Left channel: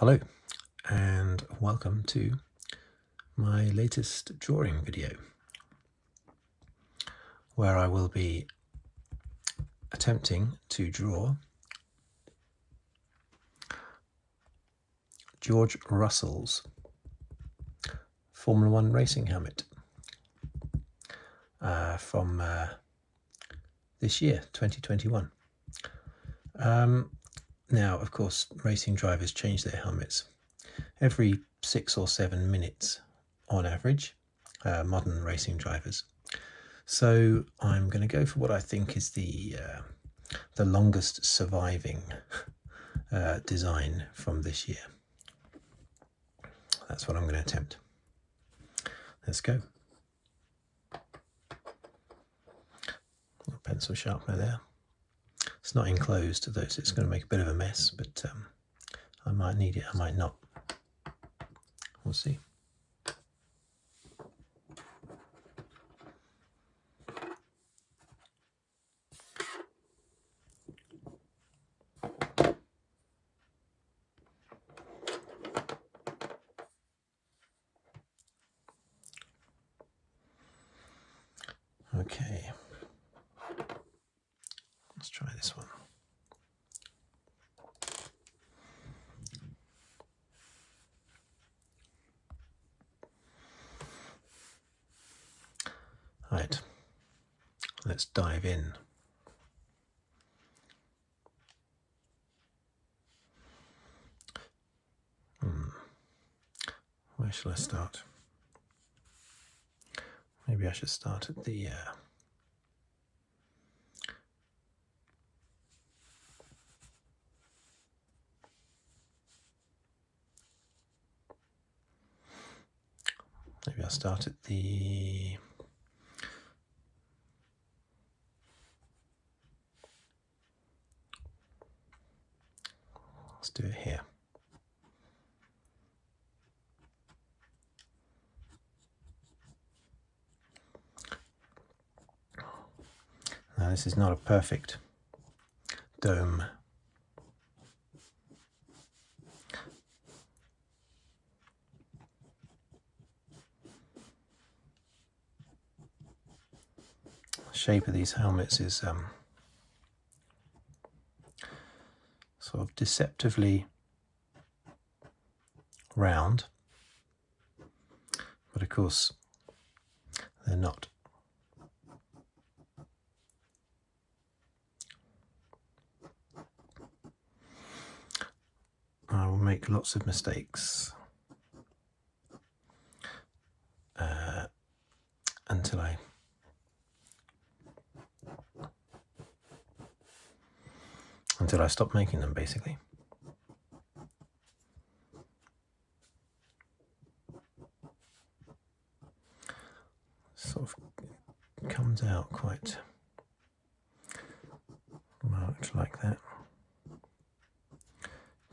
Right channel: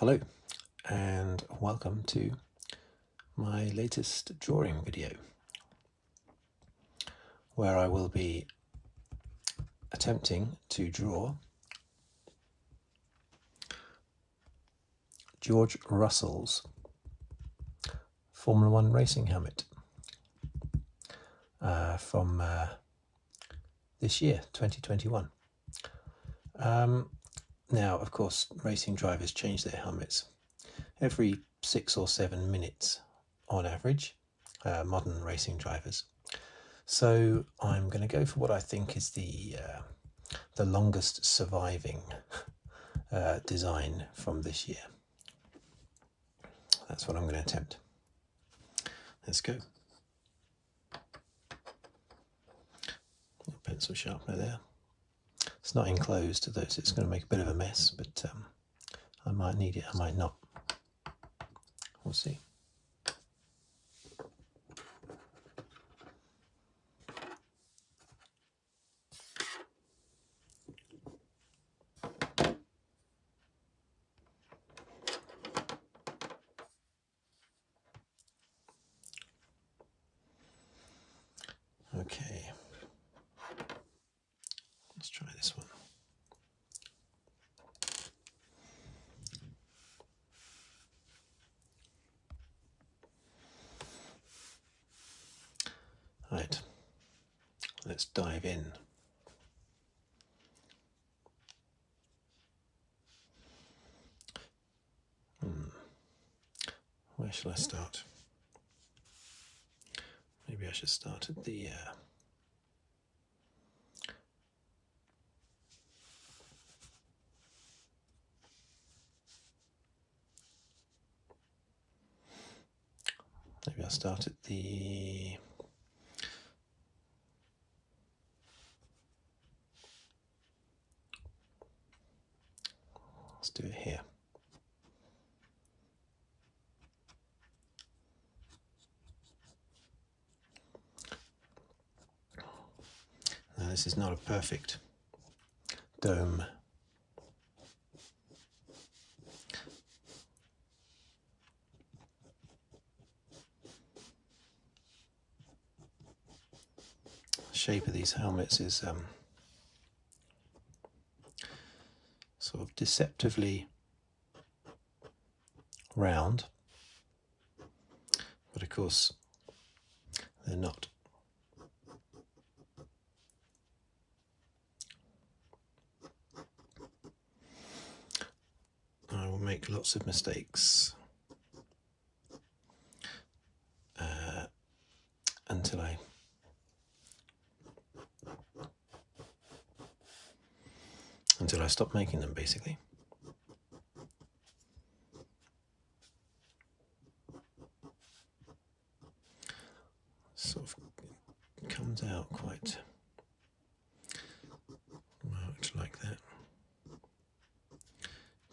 Hello and welcome to my latest drawing video, where I will be attempting to draw George Russell's Formula One racing helmet from this year, 2021. Now, of course, racing drivers change their helmets every 6 or 7 minutes on average, modern racing drivers. So I'm going to go for what I think is the longest surviving design from this year. That's what I'm going to attempt. Let's go. Pencil sharpener there. It's not enclosed though, so it's going to make a bit of a mess, but I might need it, I might not. We'll see. Okay. Let's try this one. Right, let's dive in. Where shall I start? Maybe I should start at the maybe I'll start at the let's do it here. Now this is not a perfect dome. The shape of these helmets is sort of deceptively round, but of course they're not. I will make lots of mistakes until I stop making them, basically. Sort of comes out quite marked like that.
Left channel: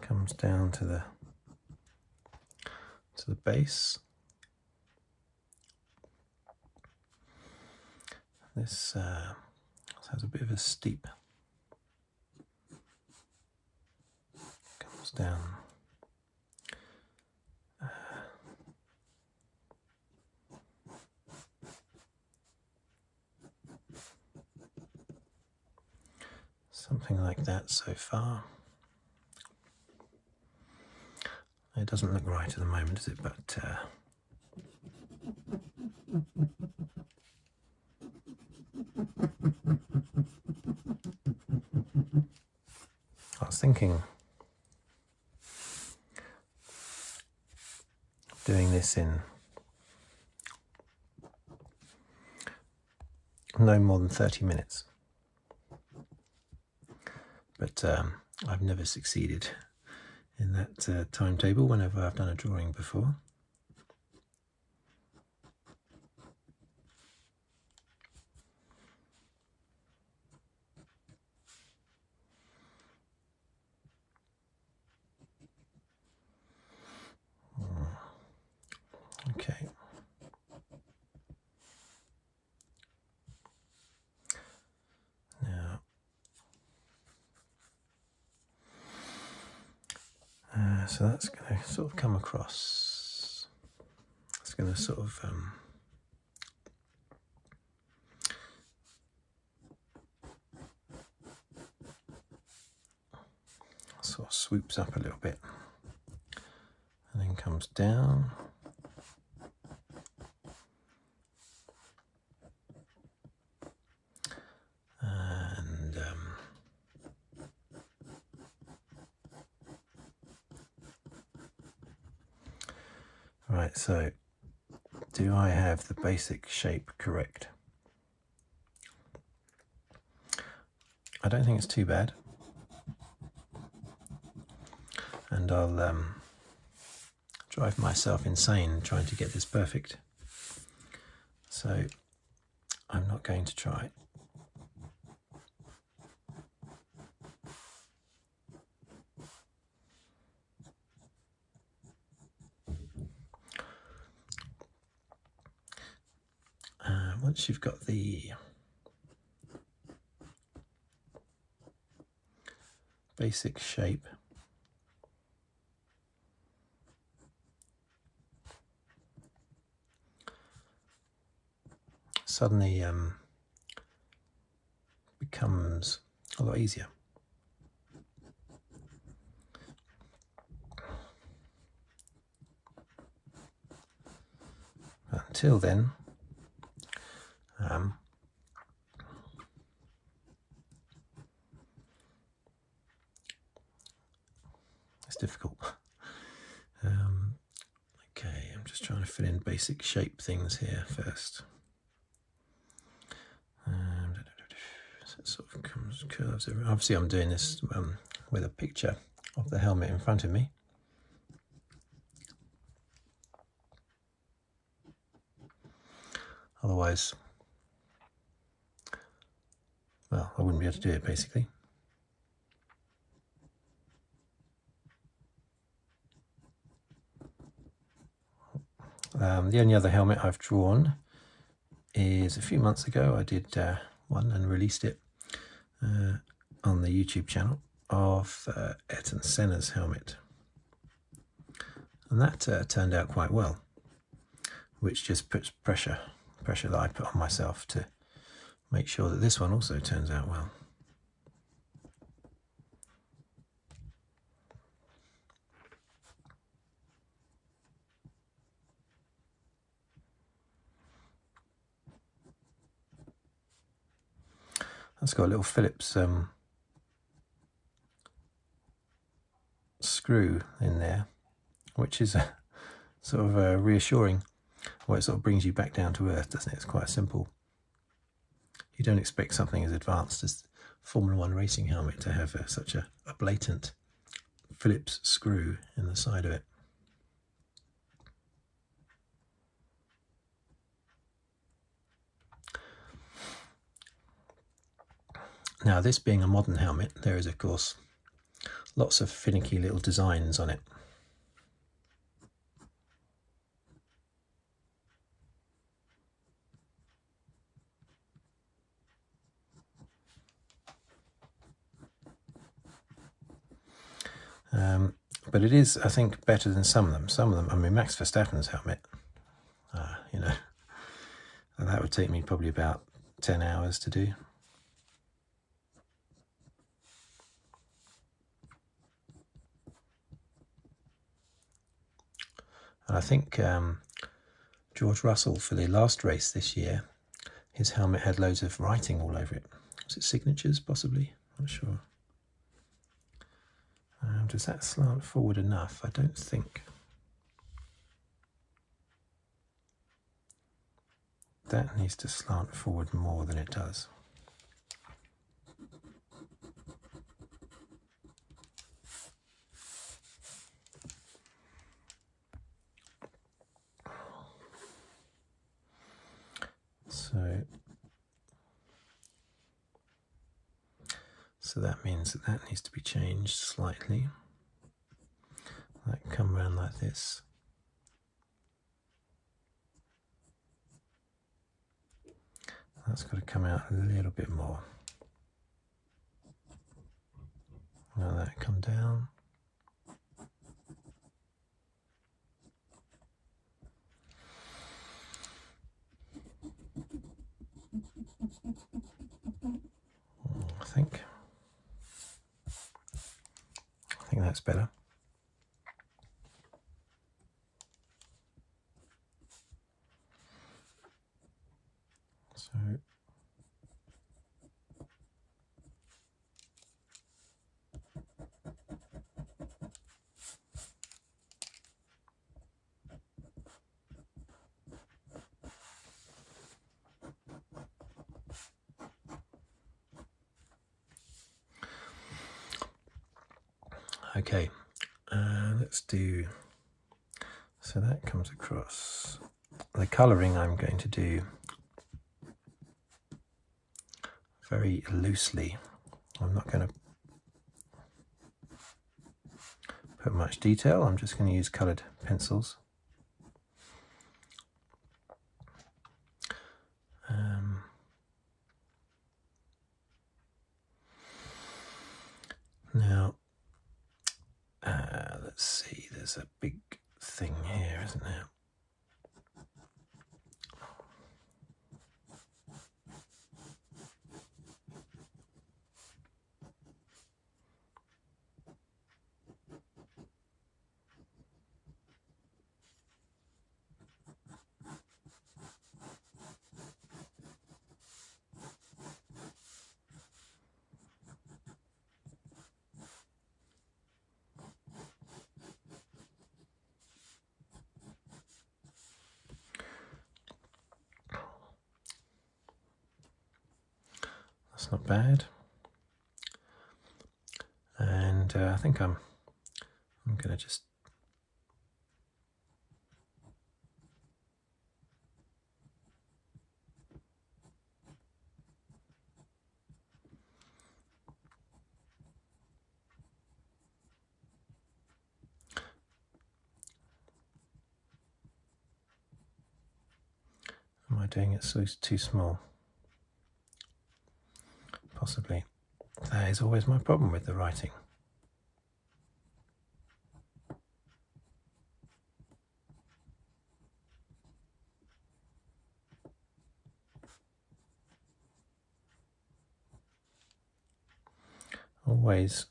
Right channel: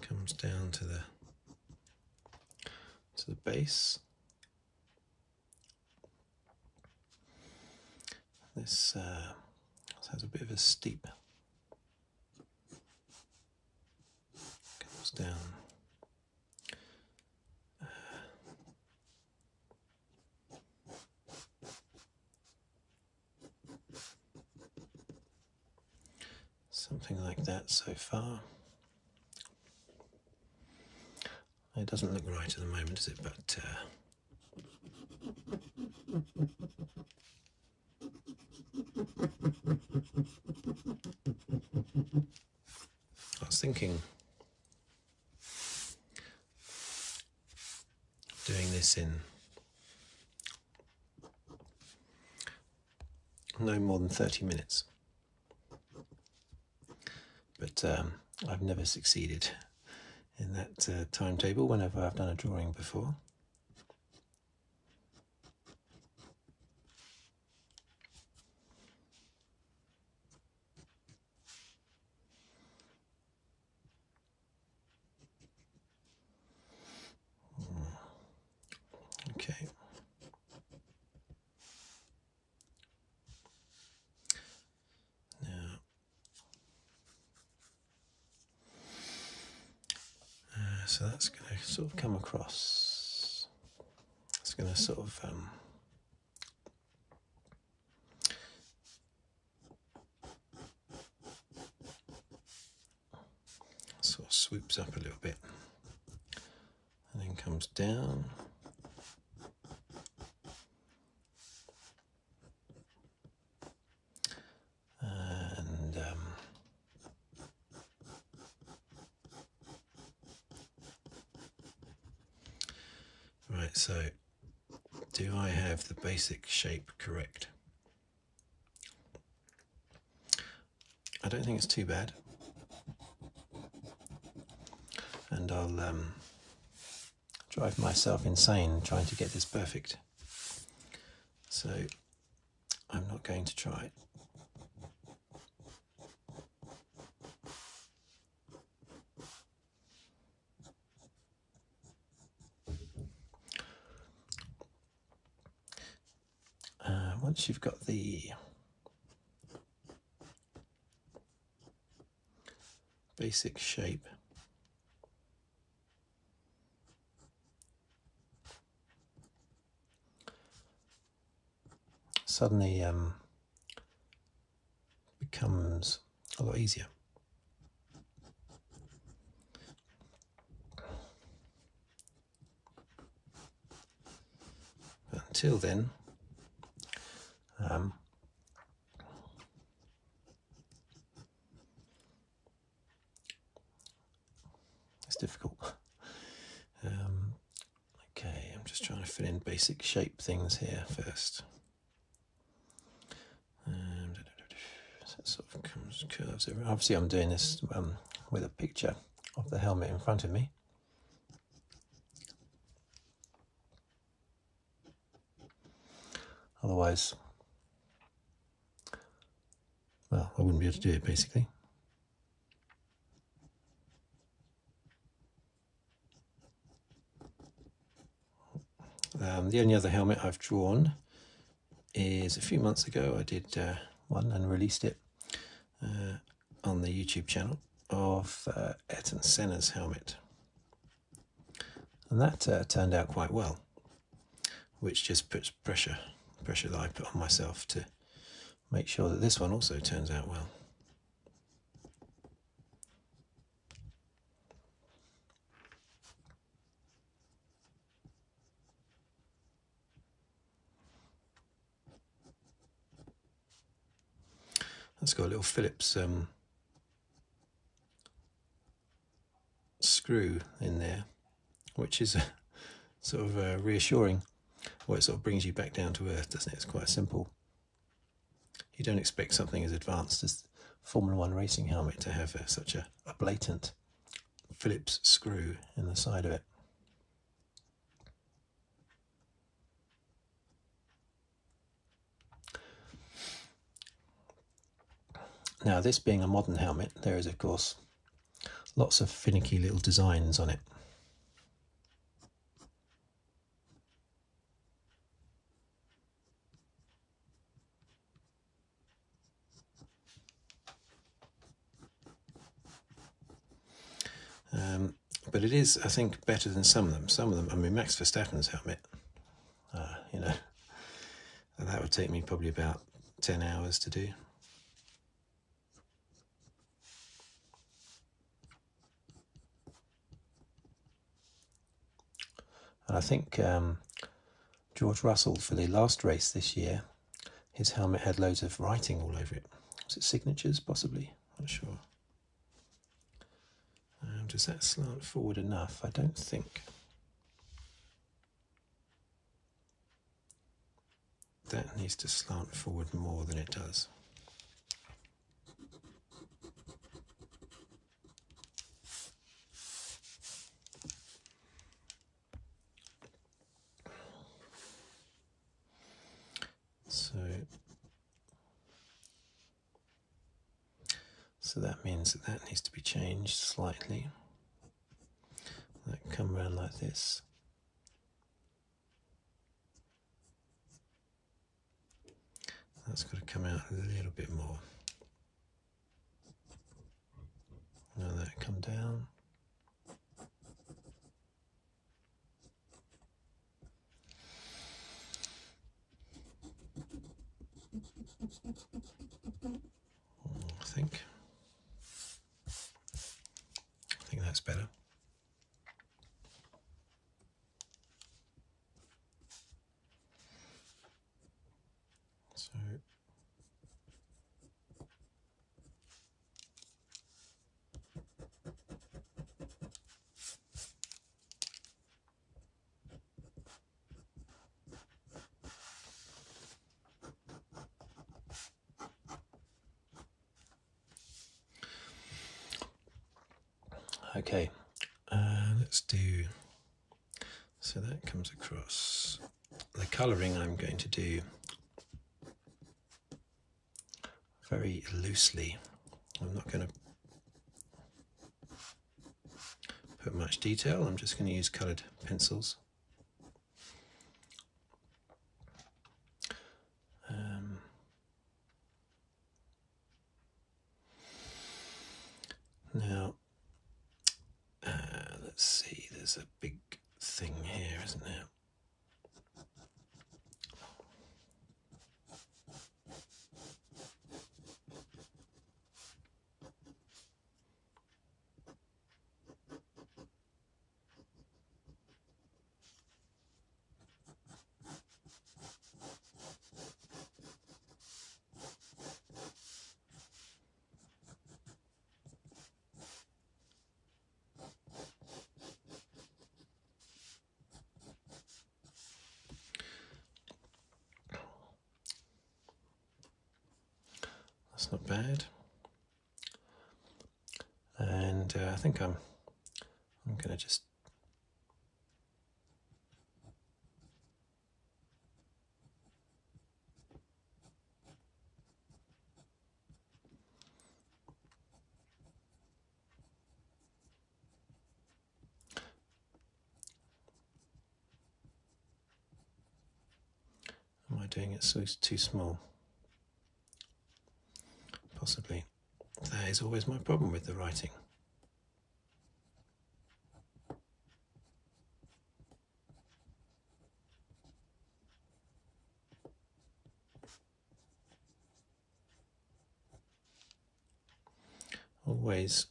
Comes down to the base. This has a bit of a steep. Comes down. Something like that so far. It doesn't look right at the moment, does it? But I was thinking of doing this in no more than 30 minutes. But I've never succeeded in that timetable whenever I've done a drawing before. Okay. Now So that's going to sort of come across. It's going to sort of swoops up a little bit and then comes down. And right, so do I have the basic shape correct? I don't think it's too bad. And I'll drive myself insane trying to get this perfect. So I'm not going to try. Once you've got the basic shape, suddenly becomes a lot easier. But until then, it's difficult. Okay, I'm just trying to fill in basic shape things here first. So it sort of curves around. Obviously I'm doing this with a picture of the helmet in front of me. Otherwise, well, I wouldn't be able to do it basically. The only other helmet I've drawn is a few months ago. I did one and released it on the YouTube channel of Ayrton Senna's helmet, and that turned out quite well, which just puts pressure that I put on myself to make sure that this one also turns out well. That's got a little Phillips screw in there, which is sort of reassuring. Well, it sort of brings you back down to earth, doesn't it? It's quite simple. You don't expect something as advanced as Formula One racing helmet to have such a blatant Phillips screw in the side of it. Now, this being a modern helmet, there is of course lots of finicky little designs on it. But it is, I think, better than some of them. Some of them, I mean, Max Verstappen's helmet, you know, that would take me probably about 10 hours to do. And I think George Russell, for the last race this year, his helmet had loads of writing all over it. Was it signatures, possibly? Not sure. Does that slant forward enough? I don't think. That needs to slant forward more than it does. So that means that that needs to be changed slightly. That can come around like this. That's got to come out a little bit more. Now that come down. I think that's better. So okay, let's do, so that comes across. The colouring I'm going to do very loosely. I'm not going to put much detail, I'm just going to use coloured pencils. Now, let's see, there's a big thing here, isn't there? That's not bad. And I think I'm going to just am I doing it so it's too small? Possibly. That is always my problem with the writing. Always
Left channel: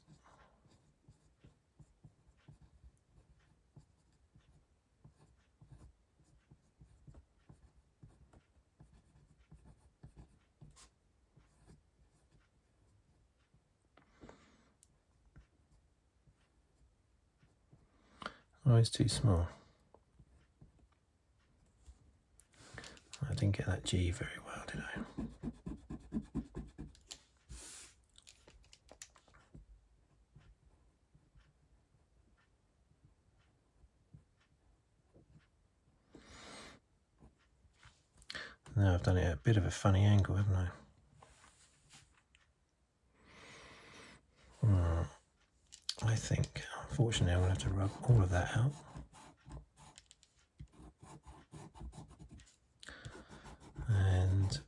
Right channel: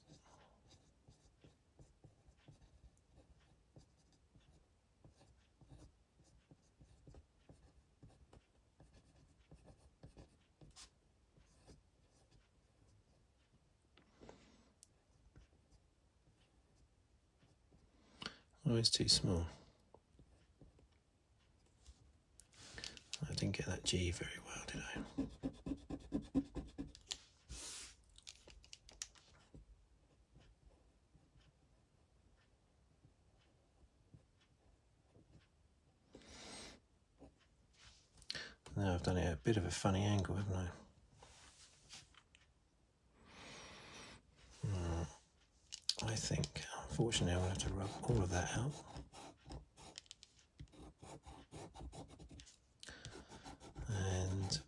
too small. I didn't get that G very well, did I? Now I've done it at a bit of a funny angle, haven't I? I think, unfortunately, I'm going to have to rub all of that out. And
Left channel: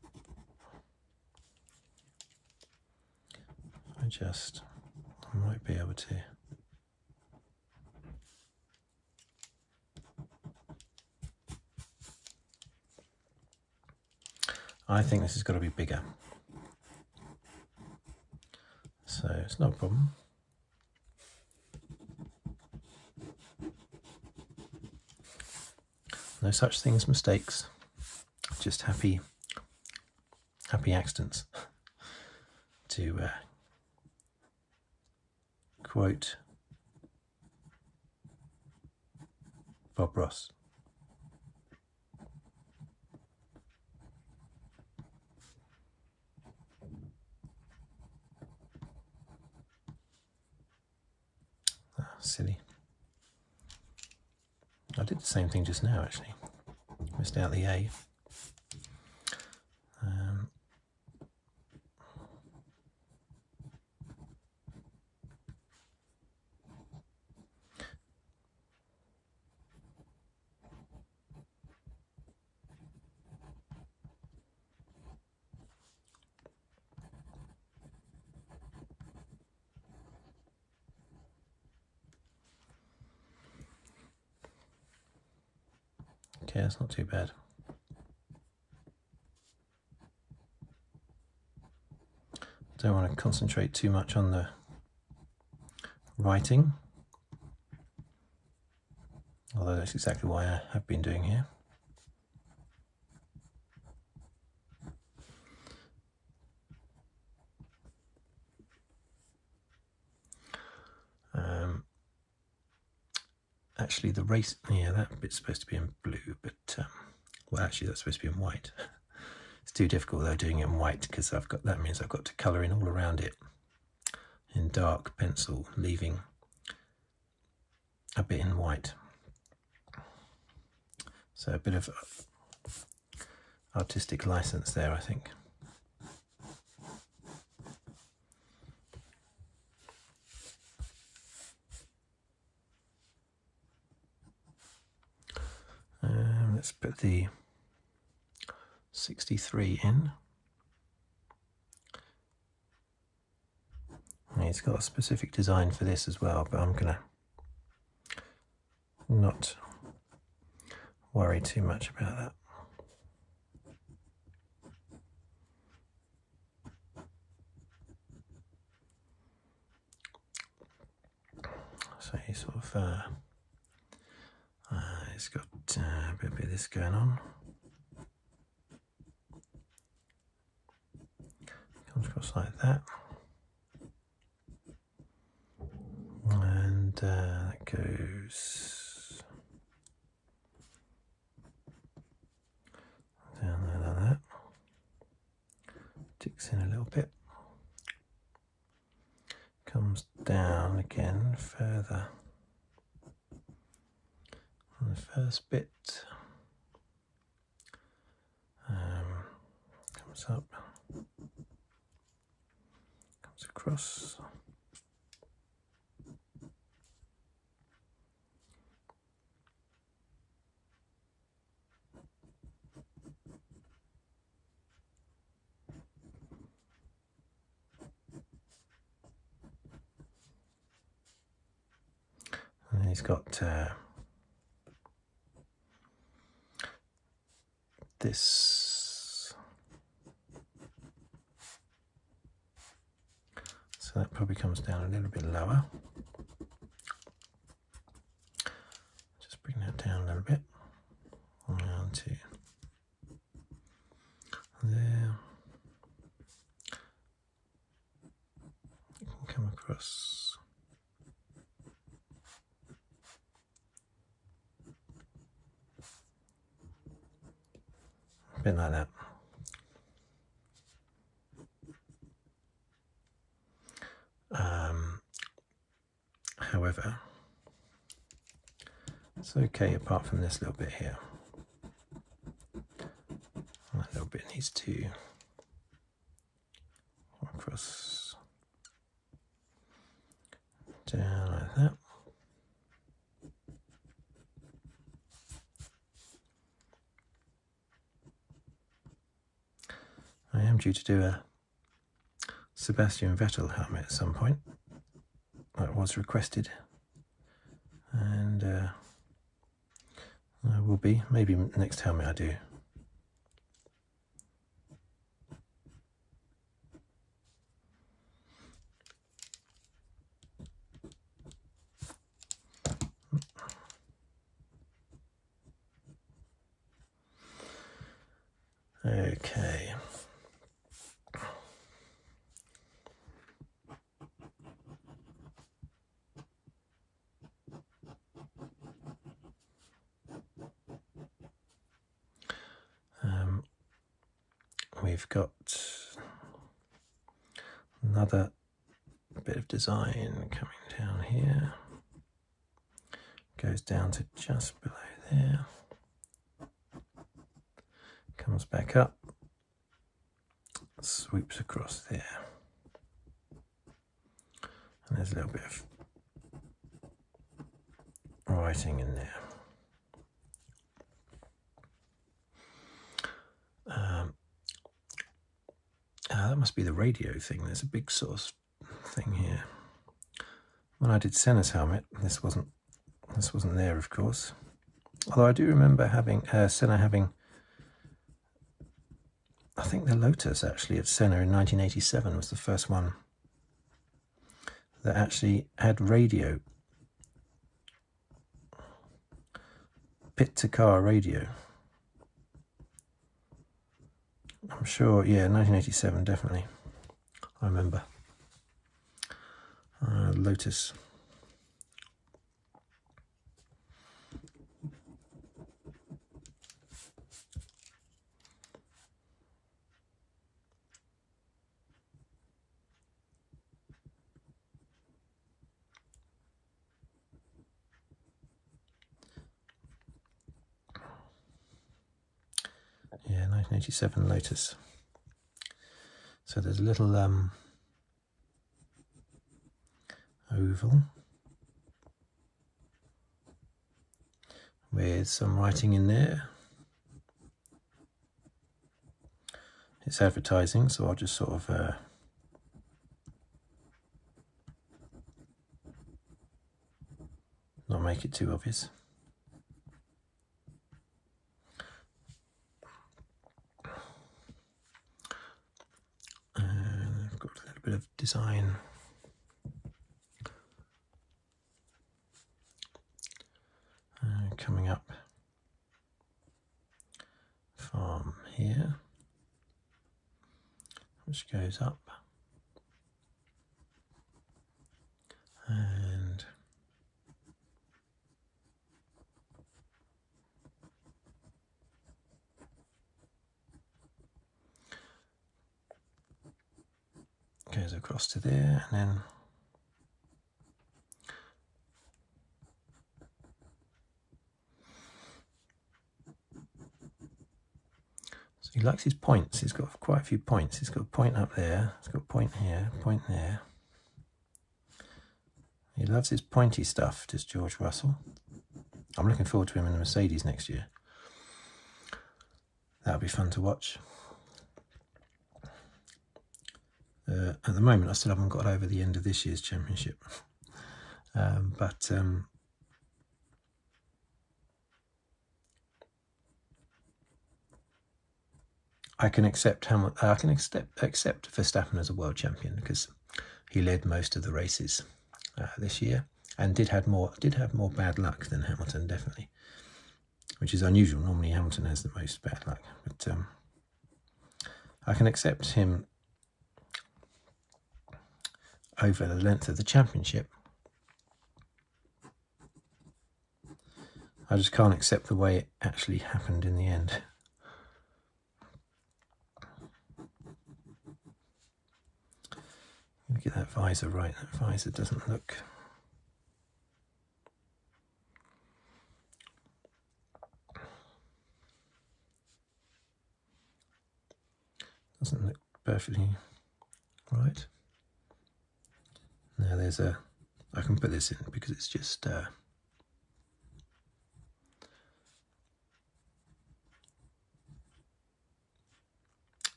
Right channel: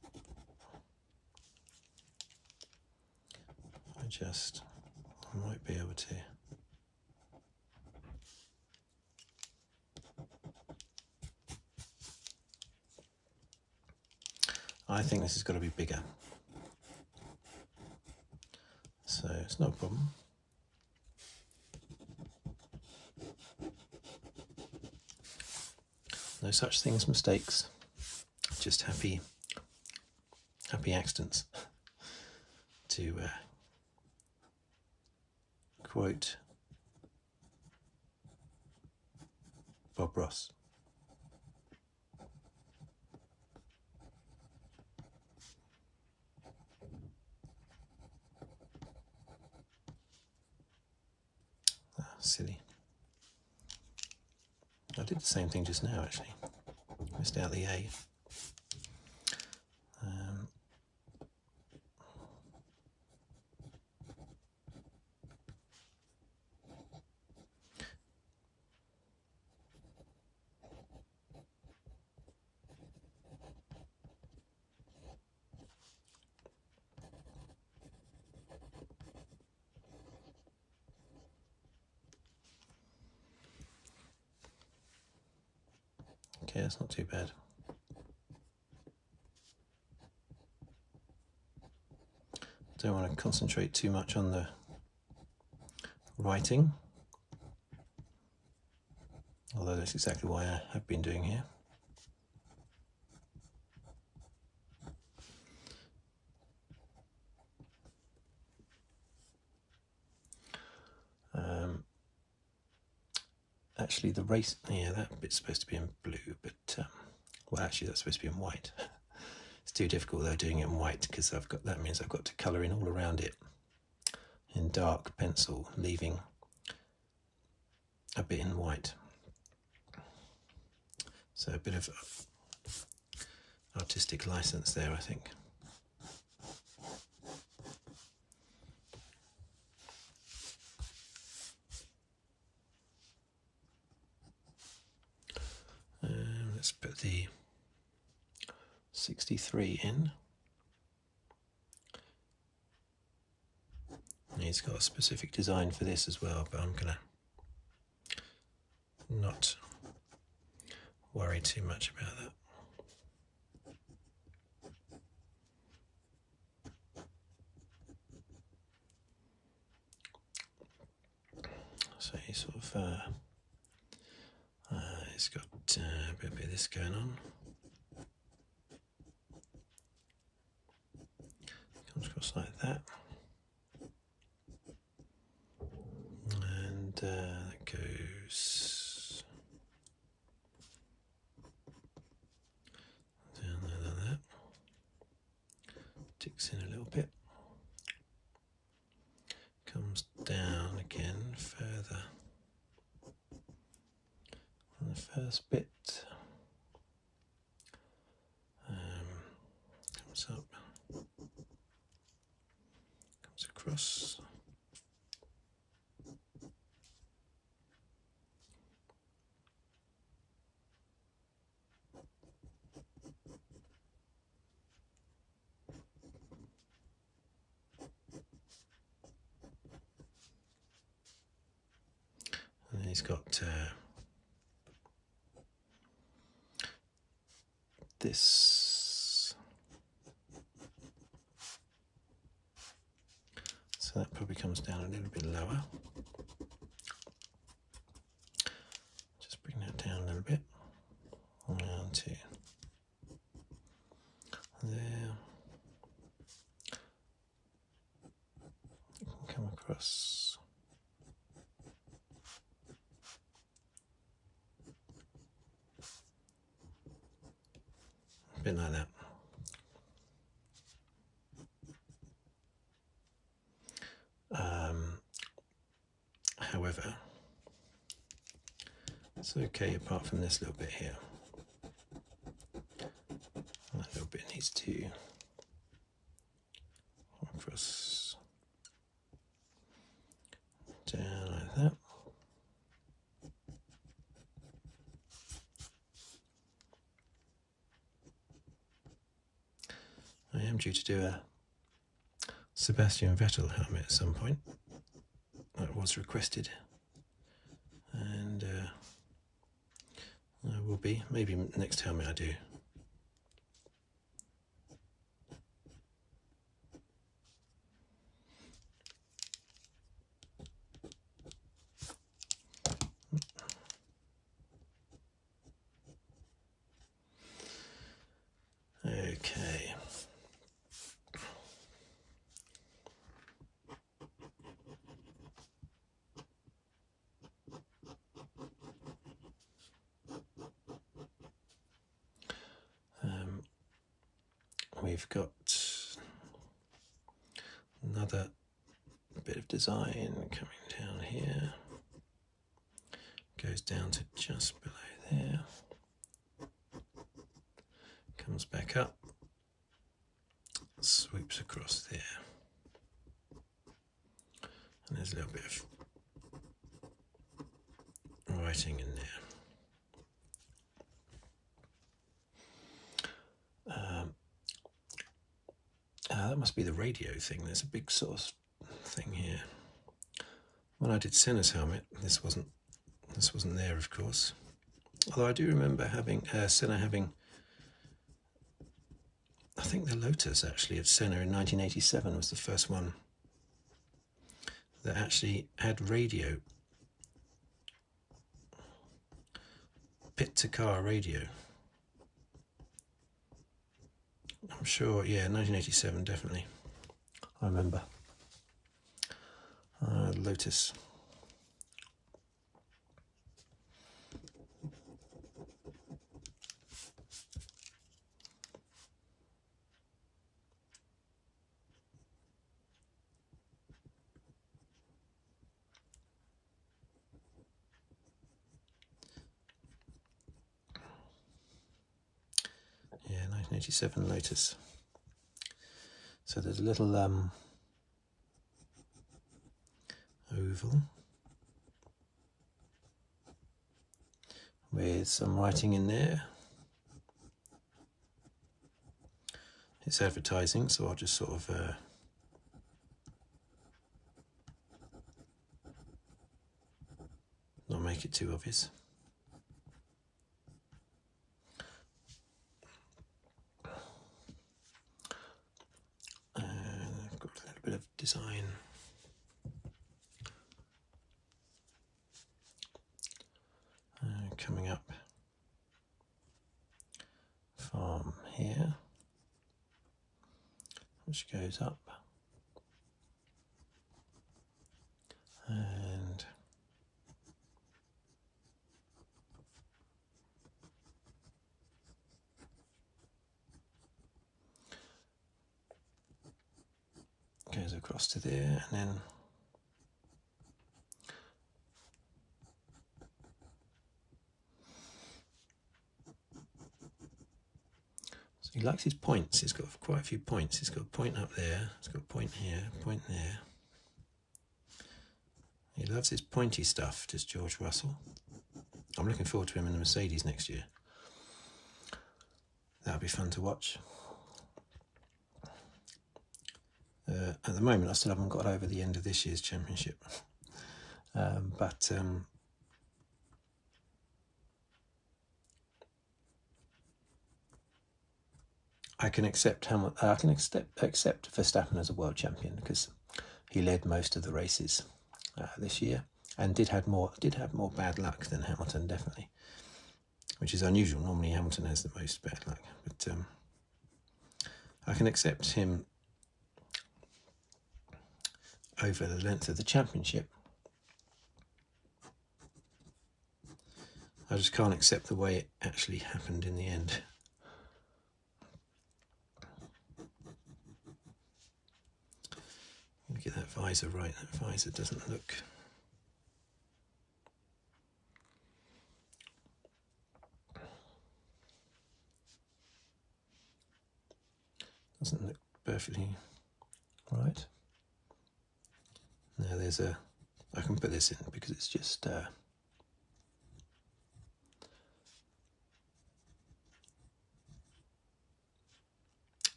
I might be able to. I think this has got to be bigger. So it's not a problem. No such thing as mistakes, just happy accidents. To quote Bob Ross. Oh, silly. I did the same thing just now, actually. Missed out the A. Okay, that's not too bad. concentrate too much on the writing, although that's exactly why I have been doing here. Actually, the race, yeah, that bit's supposed to be in blue, but well, actually, that's supposed to be in white. It's too difficult though doing it in white, because that means I've got to colour in all around it in dark pencil, leaving a bit in white. So a bit of artistic license there, I think. Let's put the 63 in. He's got a specific design for this as well, but I'm gonna not worry too much about that. So he's sort of it's got a bit of this going on. Comes across like that, and that goes down there like that. Ticks in a little bit. Comes down again further. On the first bit, comes up, comes across, and he's got this, so that probably comes down a little bit lower. Just bring that down a little bit, down to there. You can come across. A bit like that. However, it's okay apart from this little bit here. That little bit needs to go across down like that. I am due to do a Sebastian Vettel helmet at some point. That was requested, and I will be, maybe next helmet I do. Okay. We've got another bit of design coming down here, goes down to just below there, comes back up, sweeps across there, and there's a little bit of writing in there. That must be the radio thing. There's a big source thing here. When I did Senna's helmet, this wasn't there, of course. Although I do remember having Senna having, I think the Lotus actually of Senna in 1987 was the first one that actually had radio, pit to car radio. I'm sure, yeah, 1987 definitely. I remember. Lotus. Yeah, 1987 Lotus. So there's a little oval with some writing in there. It's advertising, so I'll just sort of not make it too obvious. I've got a little bit of design coming up from here, which goes up and goes across to there, and then so he likes his points. He's got quite a few points. He's got a point up there, he's got a point here, a point there. He loves his pointy stuff, does George Russell. I'm looking forward to him in the Mercedes next year. That'll be fun to watch. At the moment, I still haven't got over the end of this year's championship, but I can accept Verstappen as a world champion because he led most of the races this year and did have more bad luck than Hamilton, definitely, which is unusual. Normally, Hamilton has the most bad luck, but I can accept him over the length of the championship. I just can't accept the way it actually happened in the end. Get that visor right. That visor doesn't look perfectly right. Now there's I can put this in because it's just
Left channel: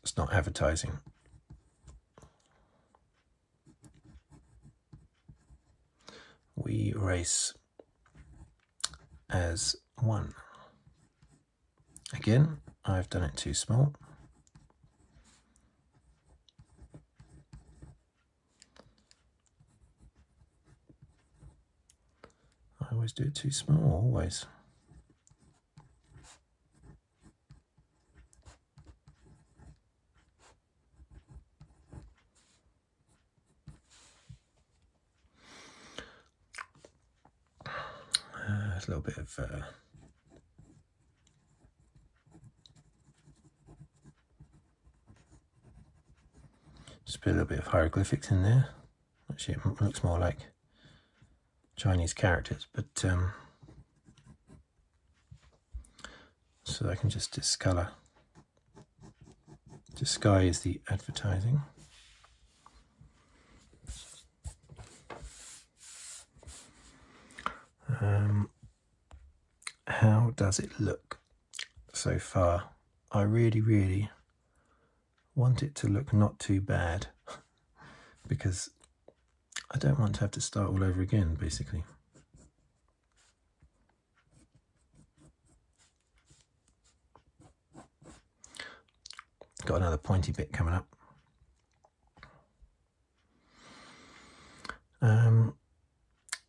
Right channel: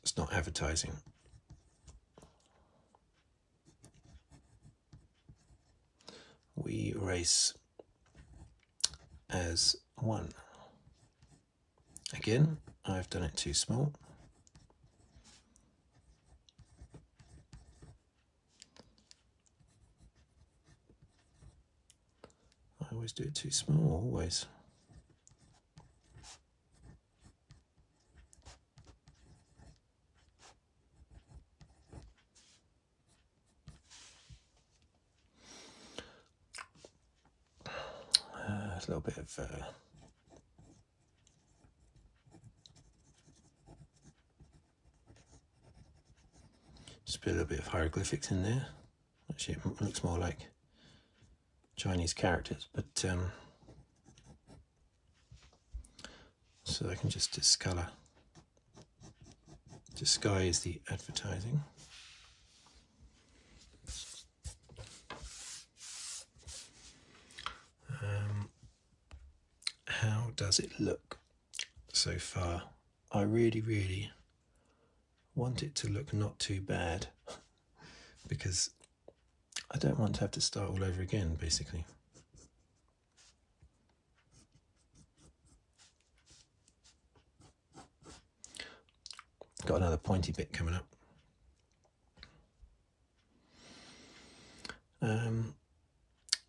it's not advertising. We race as one. Again, I've done it too small. I always do it too small, always. A little bit of just put a little bit of hieroglyphics in there. Actually, it looks more like Chinese characters, but so I can just discolor. Disguise the advertising. How does it look so far? I really want it to look not too bad because I don't want to have to start all over again, basically. Got another pointy bit coming up.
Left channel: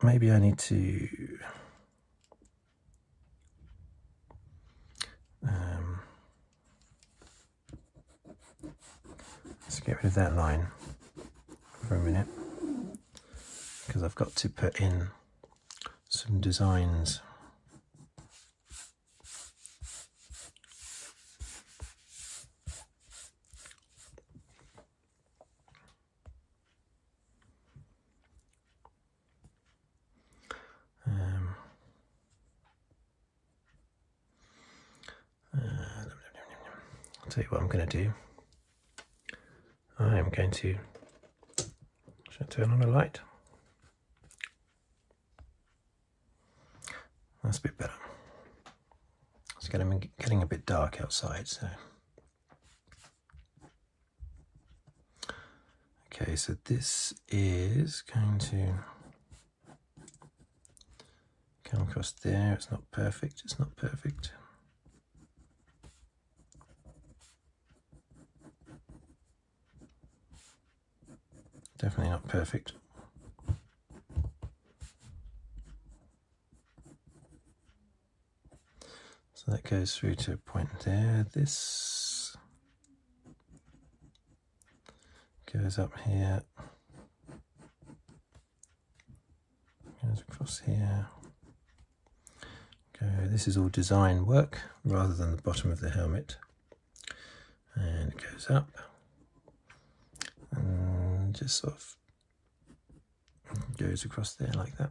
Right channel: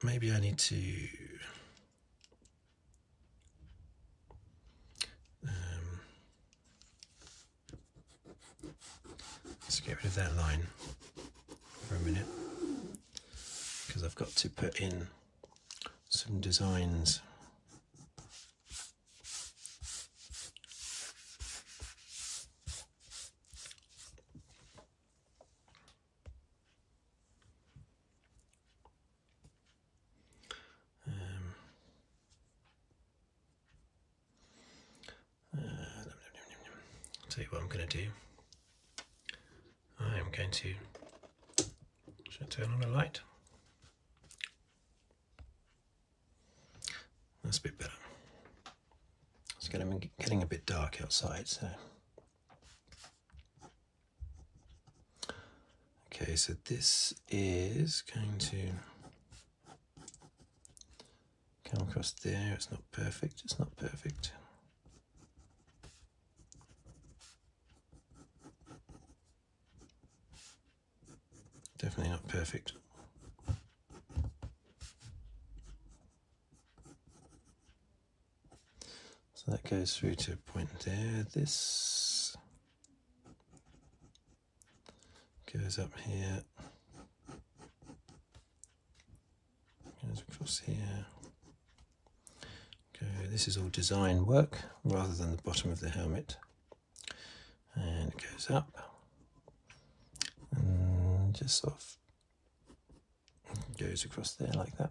maybe I need to let's get rid of that line for a minute, because I've got to put in some designs. I'll tell you what I'm going to do. I am going to turn on a light. That's a bit better. It's getting a bit dark outside, so. Okay, so this is going to come across there. It's not perfect, it's not perfect. Definitely not perfect. So that goes through to a point there. This goes up here, goes across here. This is all design work rather than the bottom of the helmet. And it goes up and just sort of goes across there like that.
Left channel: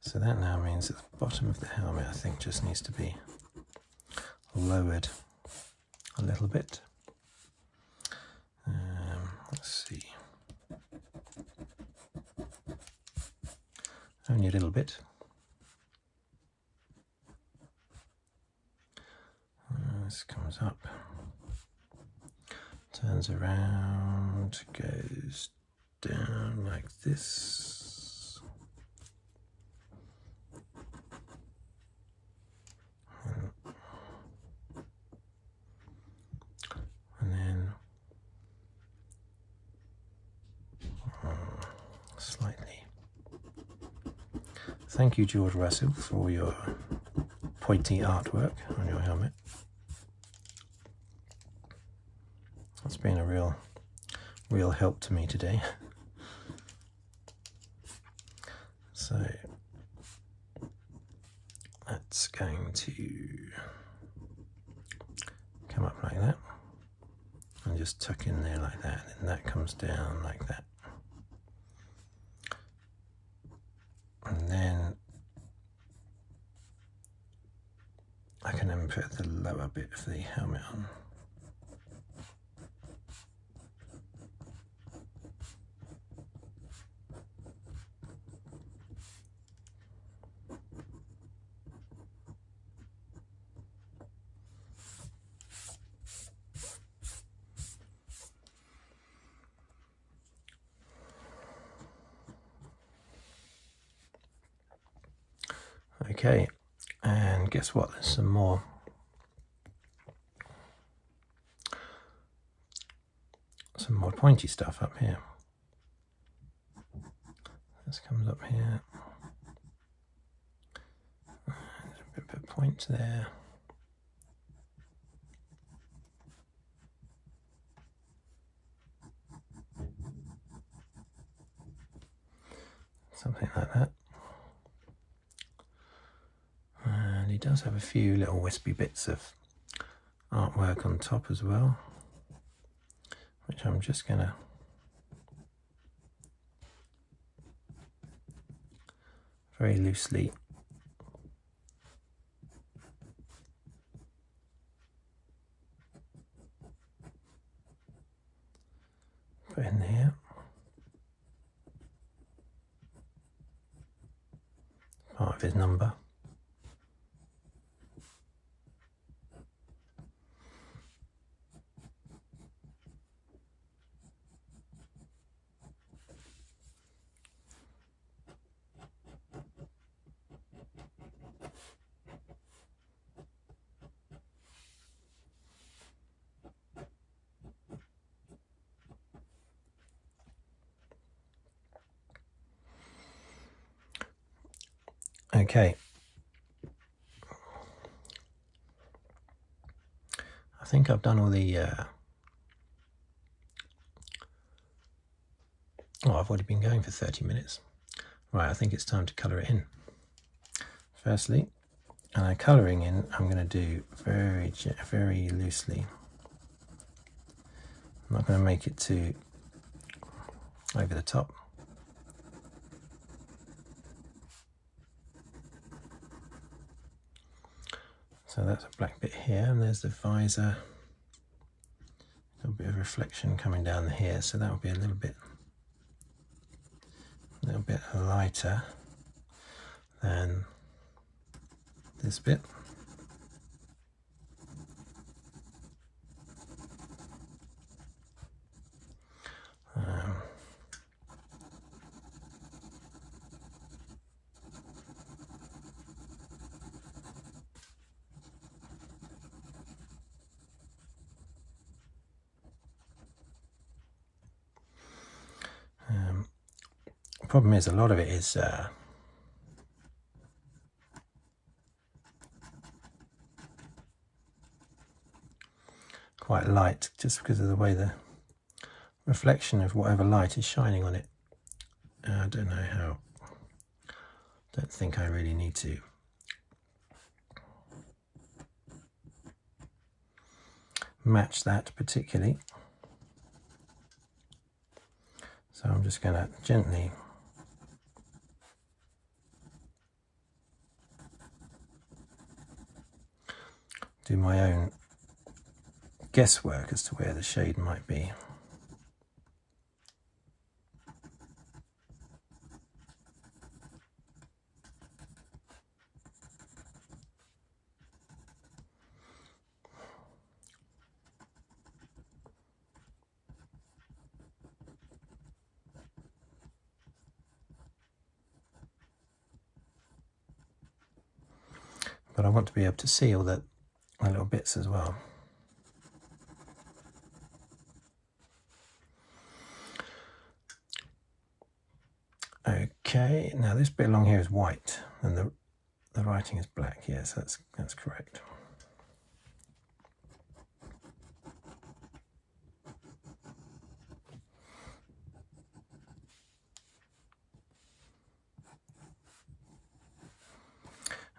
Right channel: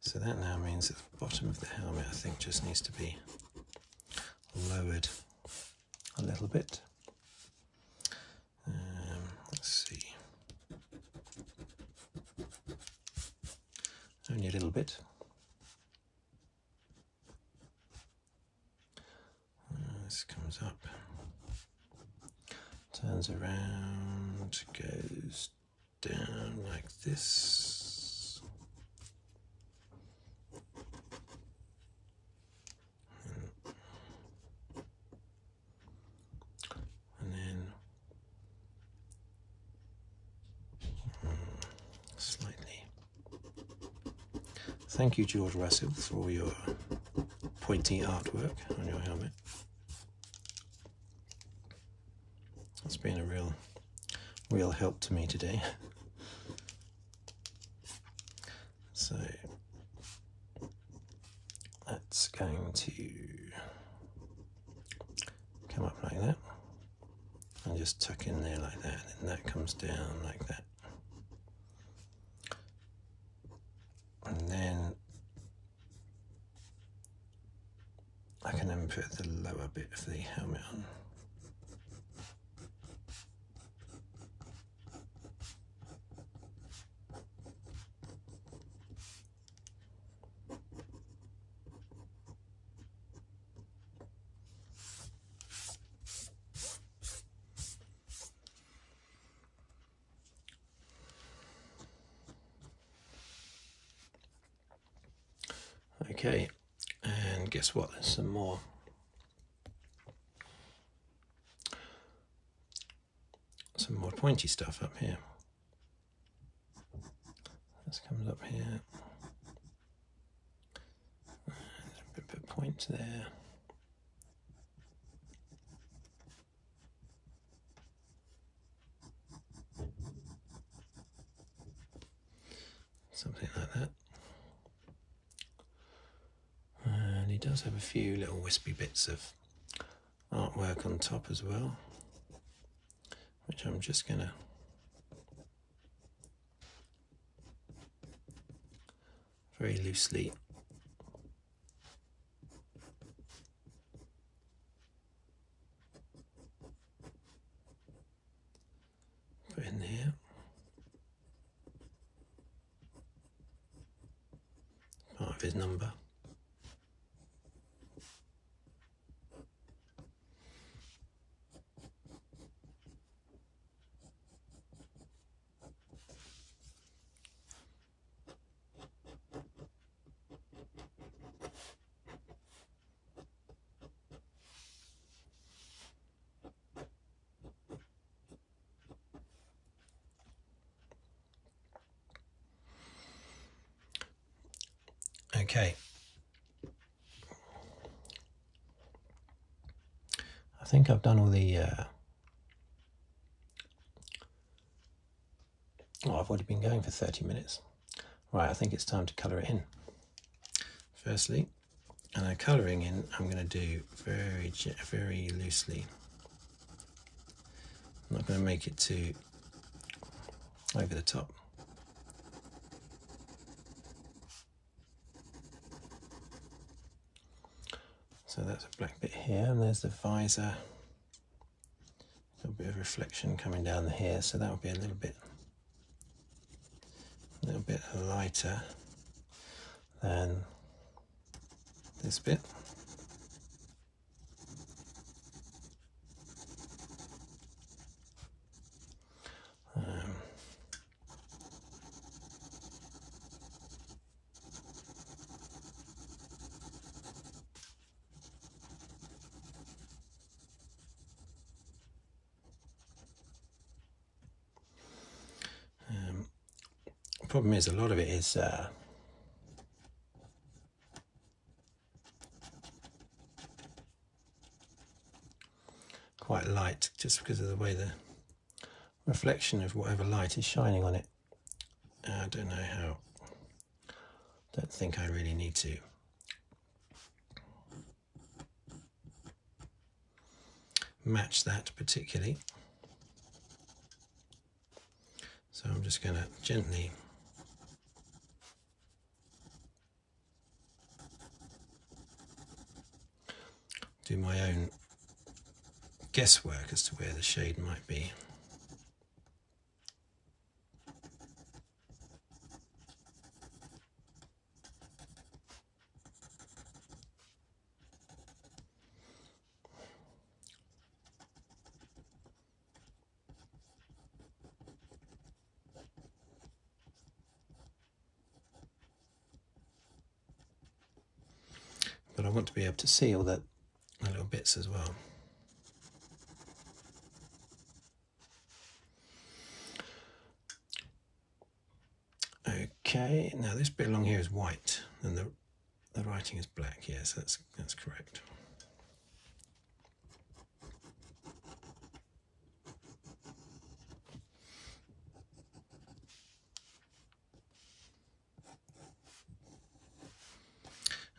So that now means that the bottom of the helmet, I think, just needs to be lowered a little bit. Let's see. Only a little bit. This comes up, turns around, goes down like this. And then slightly. Thank you, George Russell, for all your pointy artwork on your helmet. It's been a real help to me today. So that's going to come up like that and just tuck in there like that, and that comes down like that. And then I can then put the lower bit of the helmet on. Okay, and guess what? There's some more pointy stuff up here. This comes up here. There's a bit of point there. Something like that. And he does have a few little wispy bits of artwork on top as well, which I'm just going to very loosely put in here. Part of his number. Okay. I think I've done all the... Oh, I've already been going for 30 minutes. Right, I think it's time to colour it in. Firstly, colouring in, I'm going to do very loosely. I'm not going to make it too over the top. So that's a black bit here, and there's the visor. Got a bit of reflection coming down here, so that'll be a little bit lighter than this bit. Problem is, a lot of it is quite light, just because of the way the reflection of whatever light is shining on it. I don't know how. Don't think I really need to match that particularly. So I'm just going to gently do my own guesswork as to where the shade might be. But I want to be able to see all the little bits as well. Okay, now this bit along here is white and the writing is black. Yes, that's correct.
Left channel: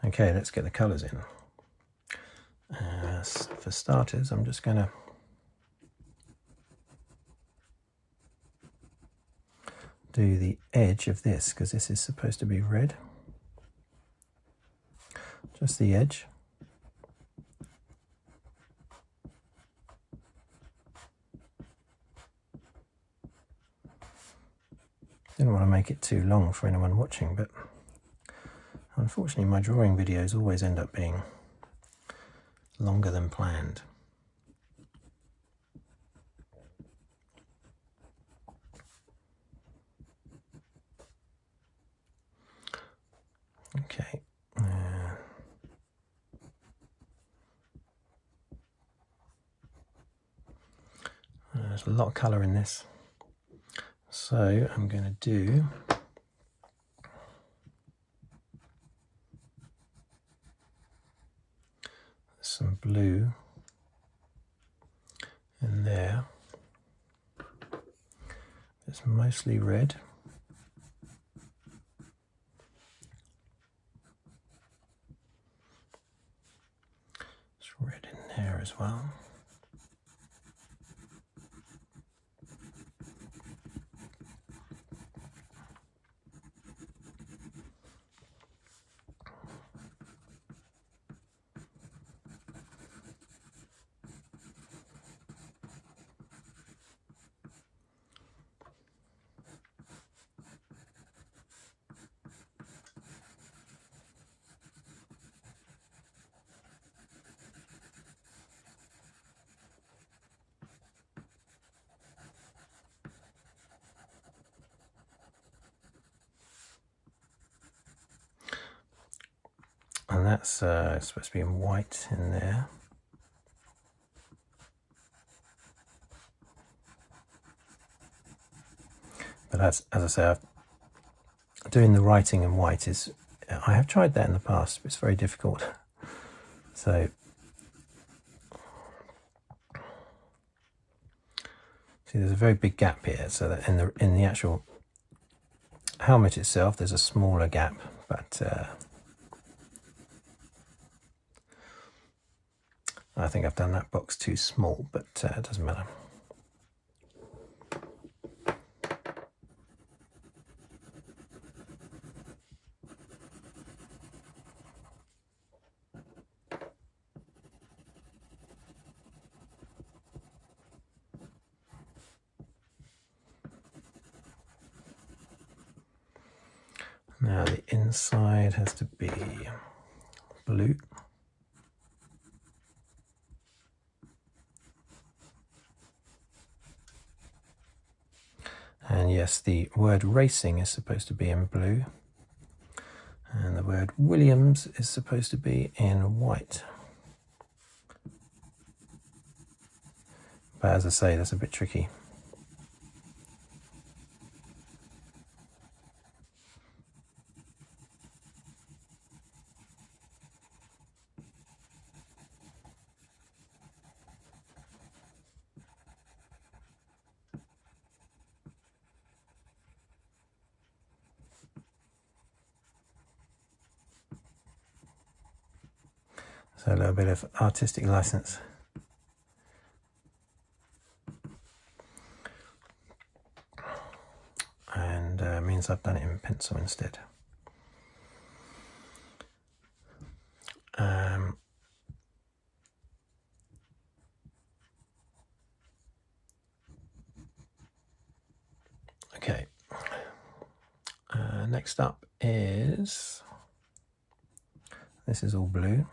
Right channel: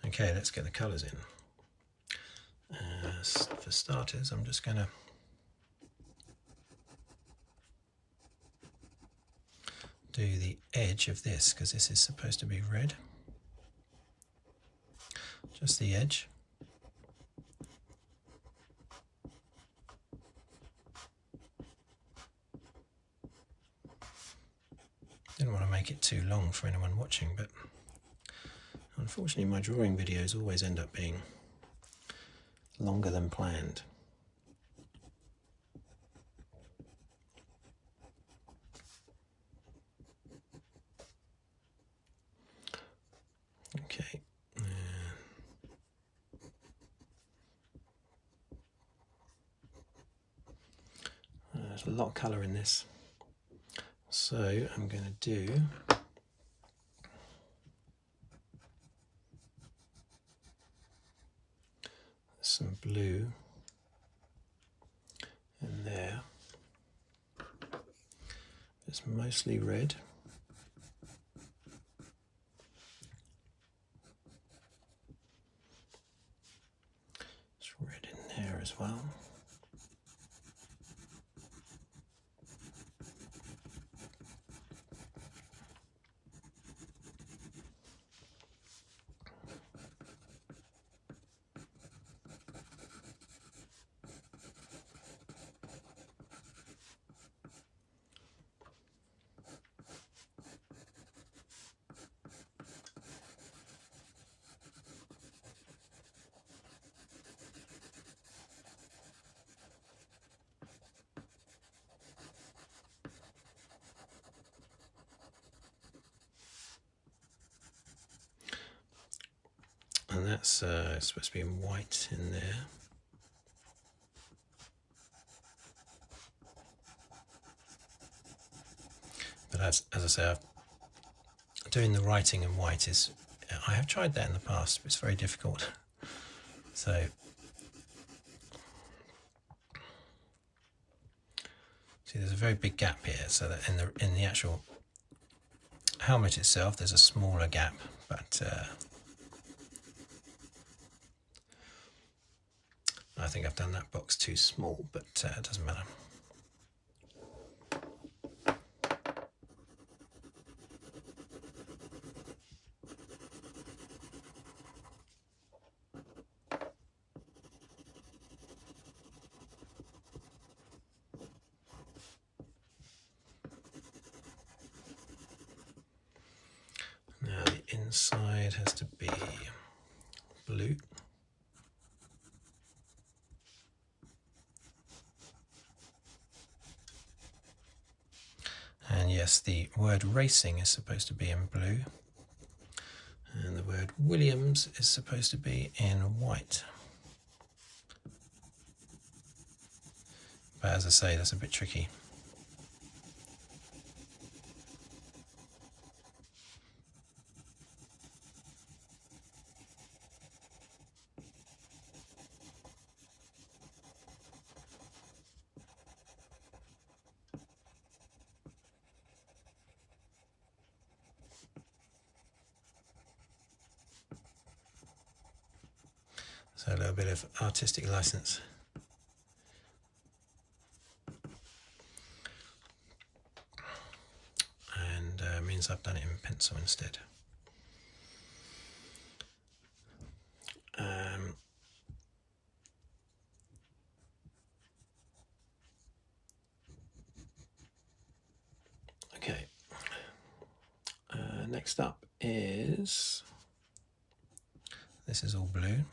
Okay, let's get the colours in. For starters, I'm just going to do the edge of this, because this is supposed to be red. Just the edge. Didn't want to make it too long for anyone watching, but unfortunately my drawing videos always end up being longer than planned. Okay. There's a lot of colour in this, so I'm going to do some blue in there. It's mostly red. It's red in there as well. And that's supposed to be in white in there. But as I say, doing the writing in white is I have tried that in the past, but it's very difficult. So see, there's a very big gap here, so that in the actual helmet itself there's a smaller gap, but I think I've done that box too small, but it doesn't matter. Now the inside has to be blue. And yes, the word racing is supposed to be in blue. And the word Williams is supposed to be in white. But as I say, that's a bit tricky. So a little bit of artistic license. And means I've done it in pencil instead. Okay. Next up is, this is all blue.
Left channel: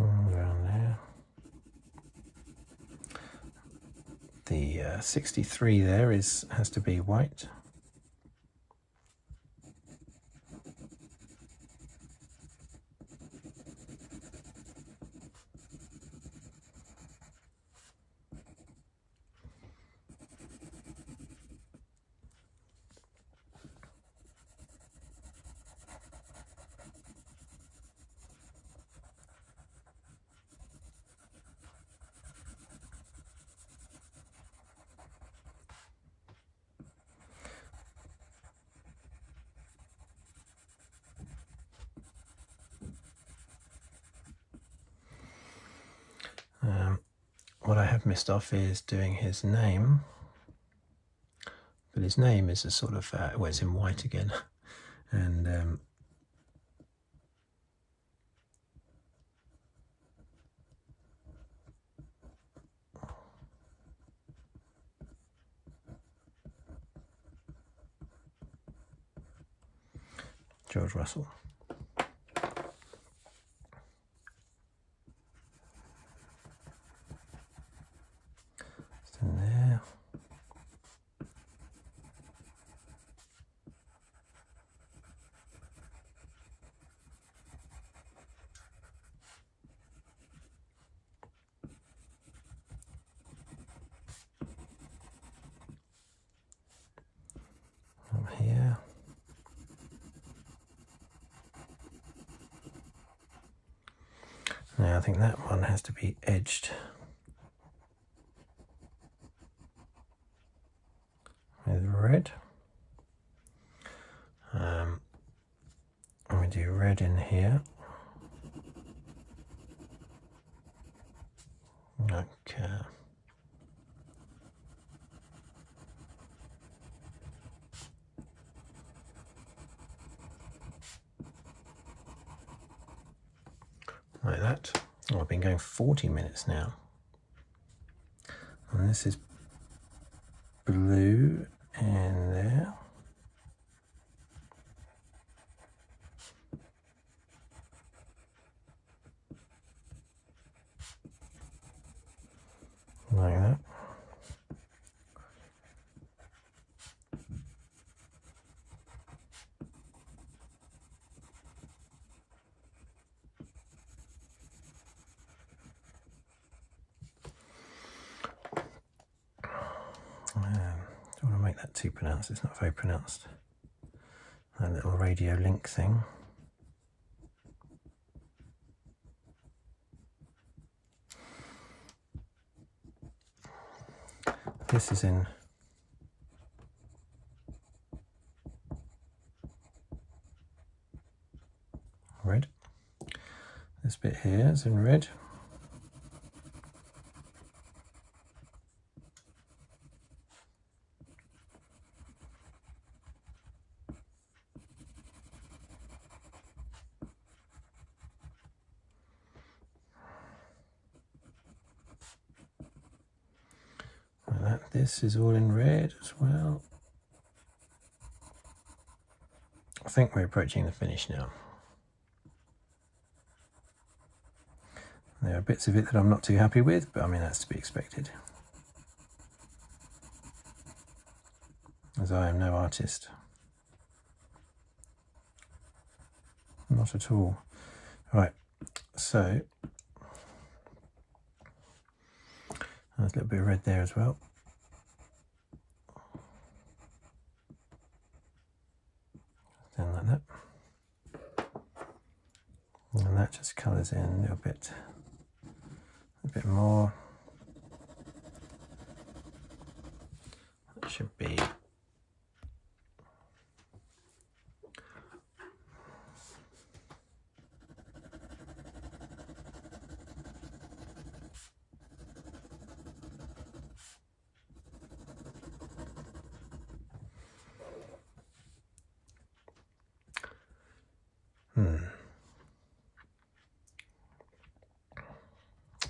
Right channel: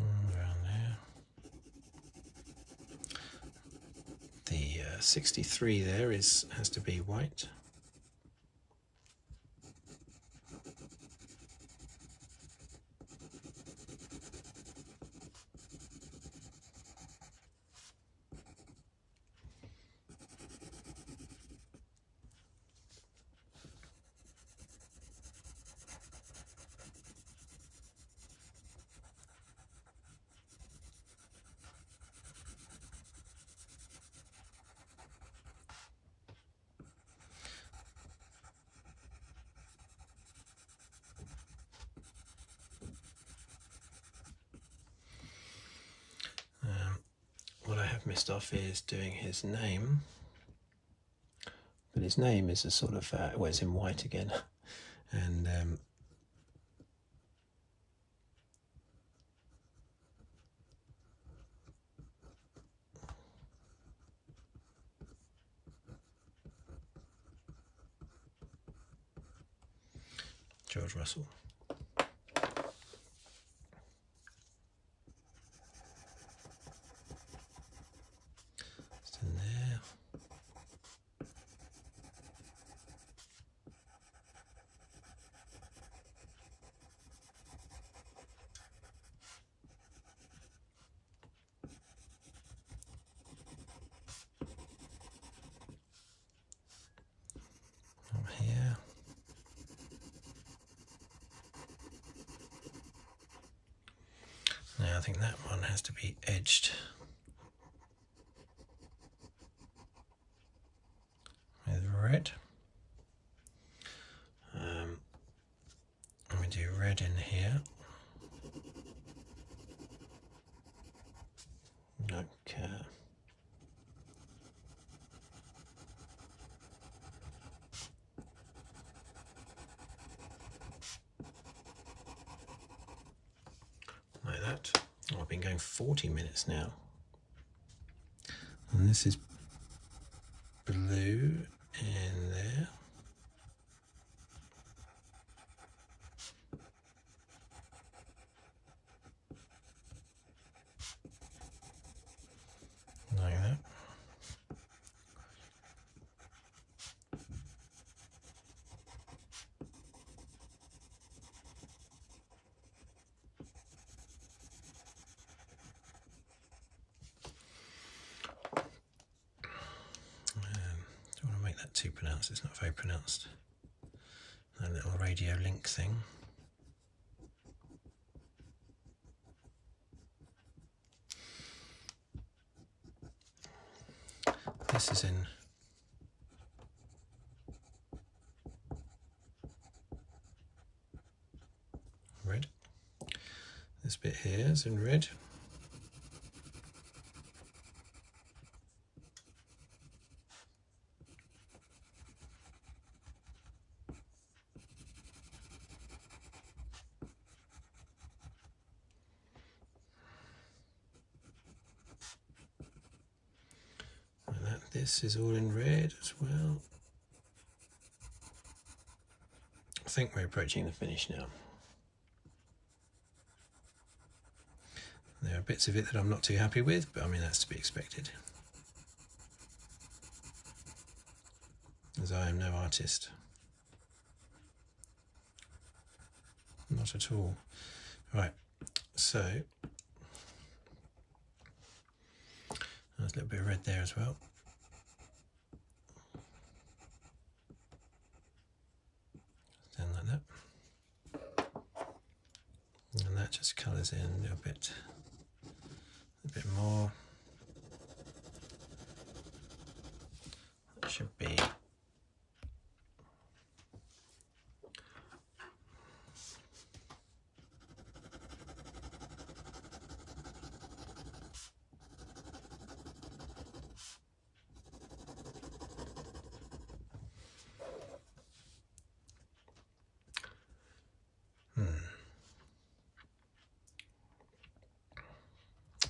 Around there. The 63 there has to be white. What I have missed off is doing his name, but his name is a sort of, well, it's in white again, and George Russell. In there. From here. Now I think that one has to be edged with red. And we do red in here. Okay. Like that. Oh, I've been going 40 minutes now. And this is blue in there. too pronounced, it's not very pronounced. A little radio link thing. This is in red. This bit here is in red. This is all in red as well. I think we're approaching the finish now. There are bits of it that I'm not too happy with, but I mean, that's to be expected, as I am no artist. Not at all. Right, so there's a little bit of red there as well. Down like that. And that just colours in a bit more. That should be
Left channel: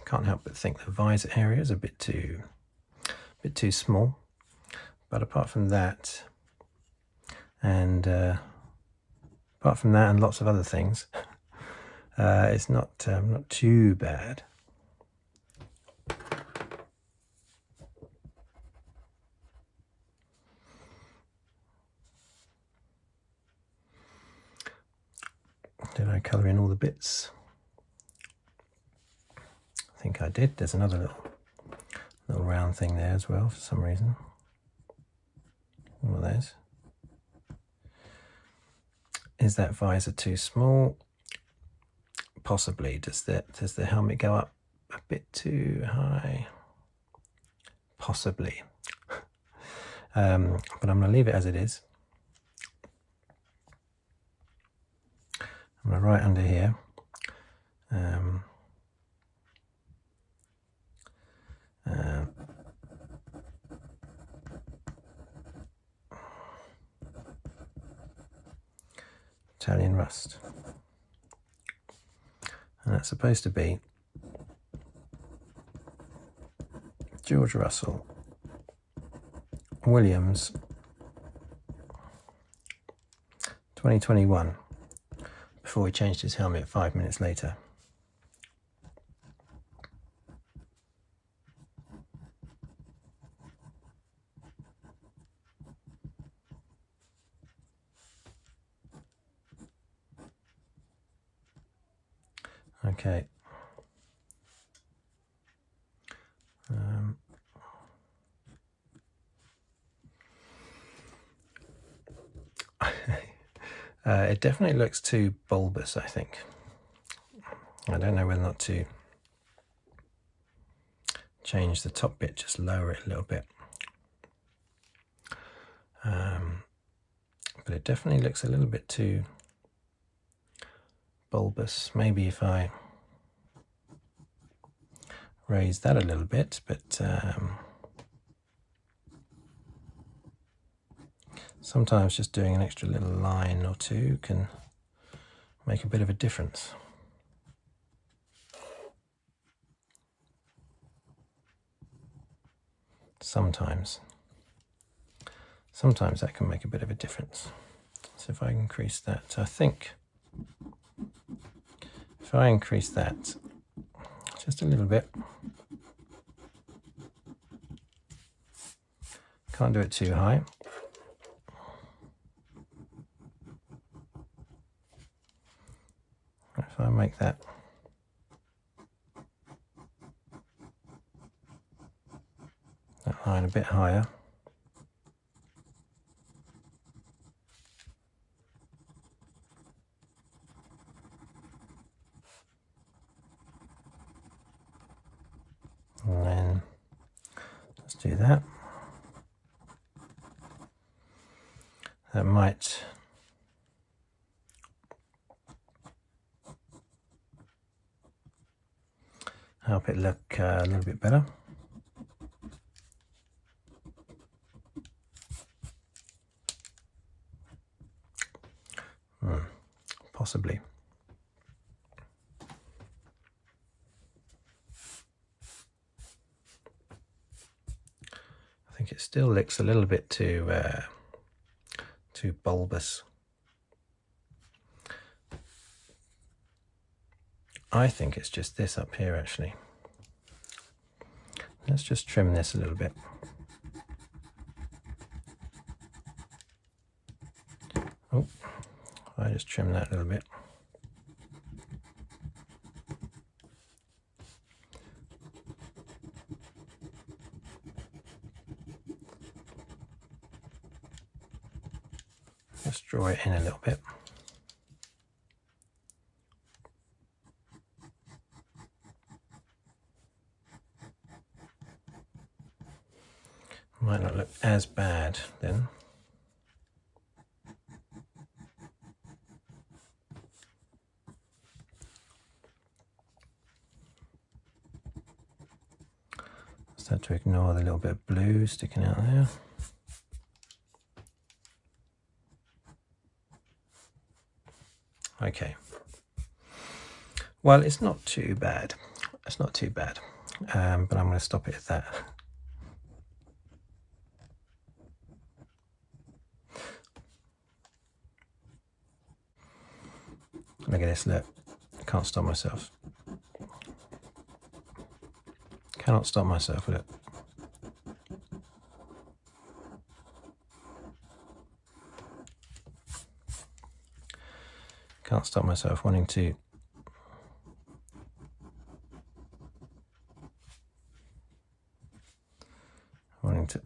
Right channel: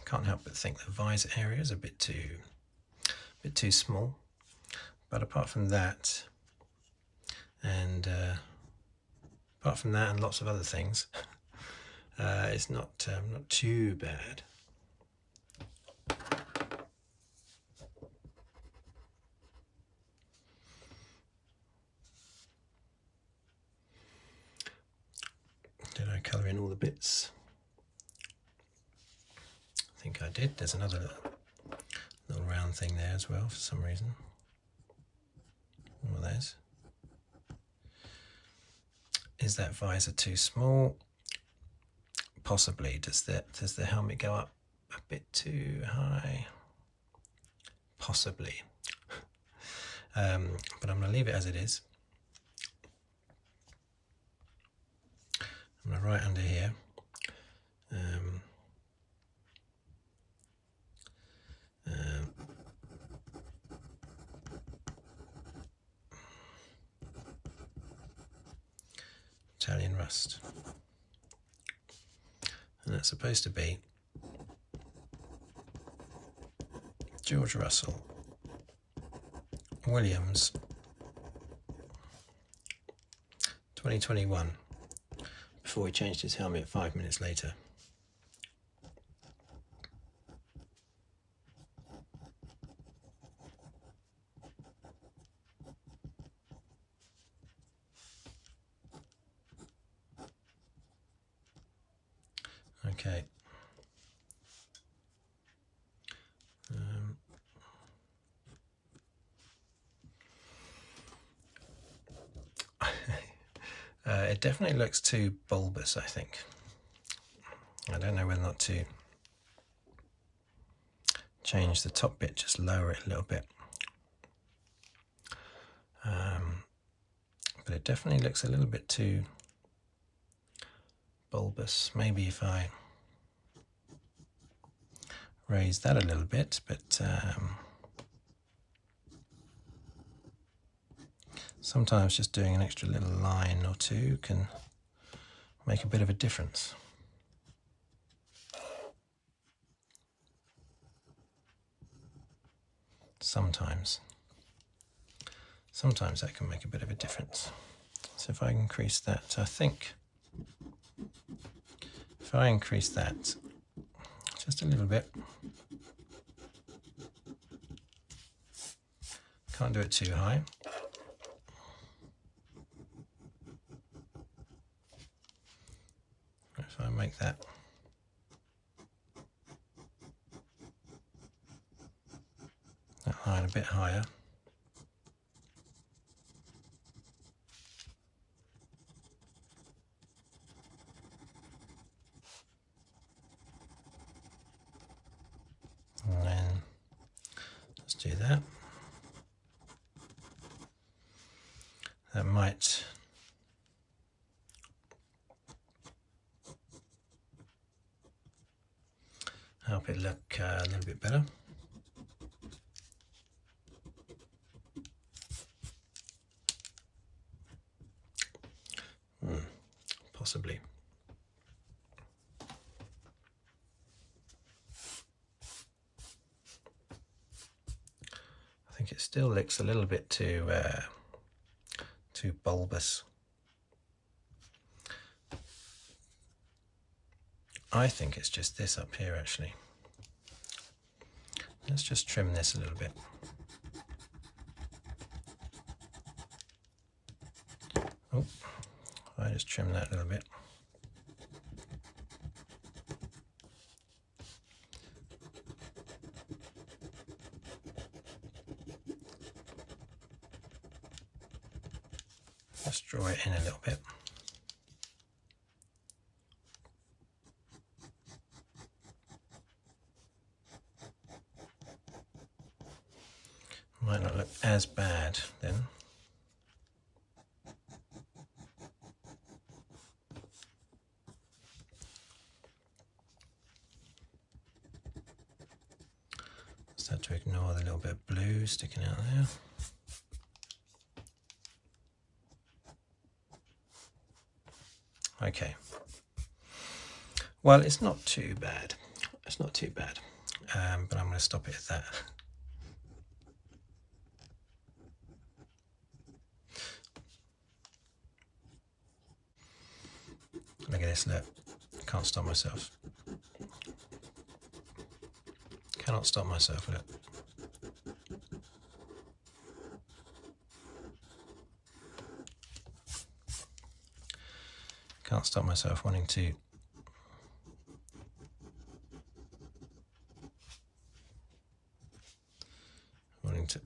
Can't help but think the visor area is a bit too small, but apart from that, and lots of other things, it's not too bad. Did I colour in all the bits? I think I did. There's another little round thing there as well for some reason. One of those. Is that visor too small? Possibly. Does the helmet go up a bit too high? Possibly. But I'm going to leave it as it is. I'm going to write under here. Italian rust, and that's supposed to be George Russell Williams 2021, before he changed his helmet 5 minutes later. Okay. It definitely looks too bulbous, I think. I don't know whether or not to change the top bit, just lower it a little bit. But it definitely looks a little bit too bulbous. Maybe if I raise that a little bit, but sometimes just doing an extra little line or two can make a bit of a difference. Sometimes that can make a bit of a difference. So if I increase that, I think if I increase that just a little bit, can't do it too high. If I make that line a bit higher, do that. That might help it look a little bit better. Possibly. I think it still looks a little bit too bulbous. I think it's just this up here actually. Let's just trim this a little bit. Oh, I just trim that a little bit. Let's draw it in a little bit. Might not look as bad then. Just have to ignore the little bit of blue sticking out there. Okay. Well, it's not too bad. It's not too bad. But I'm going to stop it at that. Look at this, look. I can't stop myself. Cannot stop myself, look. Can't stop myself wanting to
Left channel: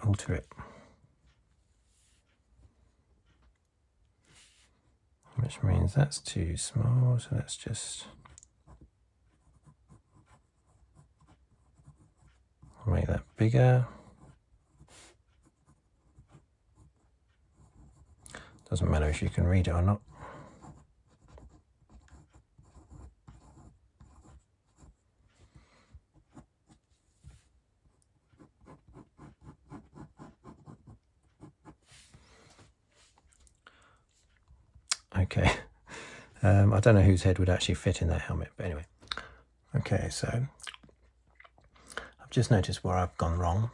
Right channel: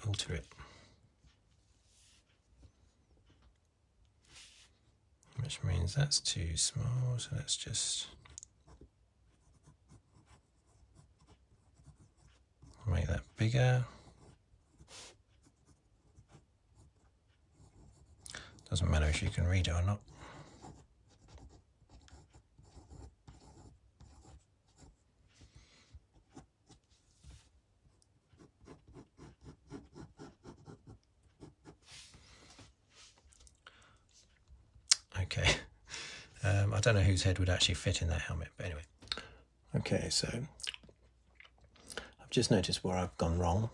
alter it. Which means that's too small, so let's just make that bigger. Doesn't matter if you can read it or not. Okay, I don't know whose head would actually fit in that helmet, but anyway. Okay, so I've just noticed where I've gone wrong.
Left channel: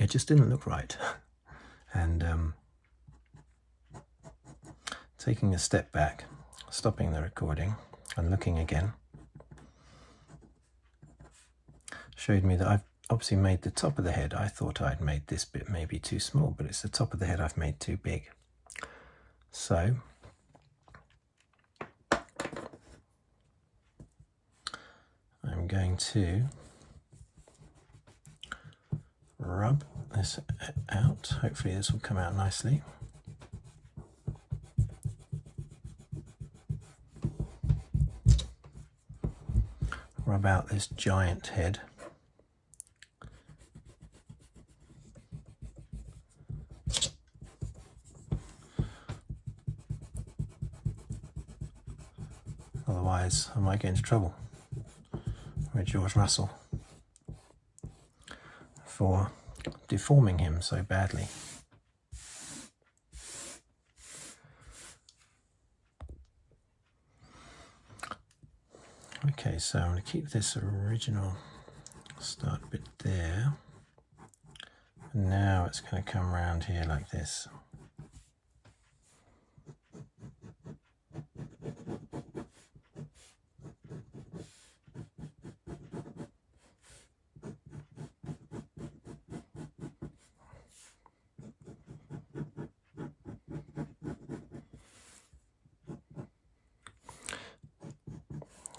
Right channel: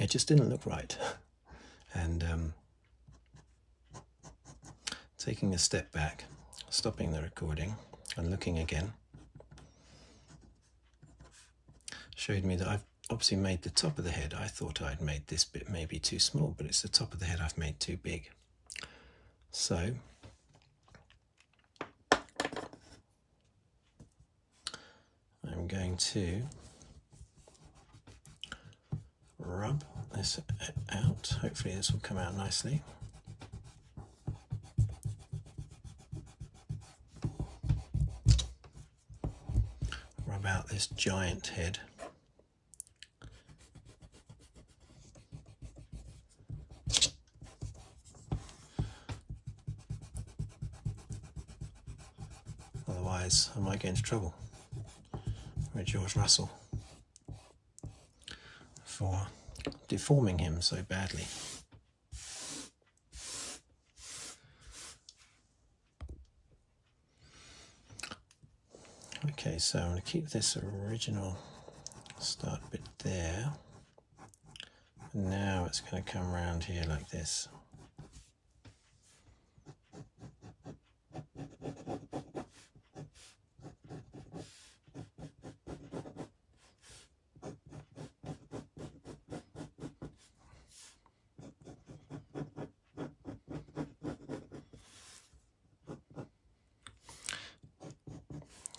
It just didn't look right. And taking a step back, stopping the recording and looking again, showed me that I've obviously made the top of the head. I thought I'd made this bit maybe too small, but it's the top of the head I've made too big. So I'm going to rub this out. Hopefully this will come out nicely. Rub out this giant head. Otherwise, I might get into trouble with George Russell for deforming him so badly. Okay, so I'm going to keep this original start bit there. And now it's going to come around here like this.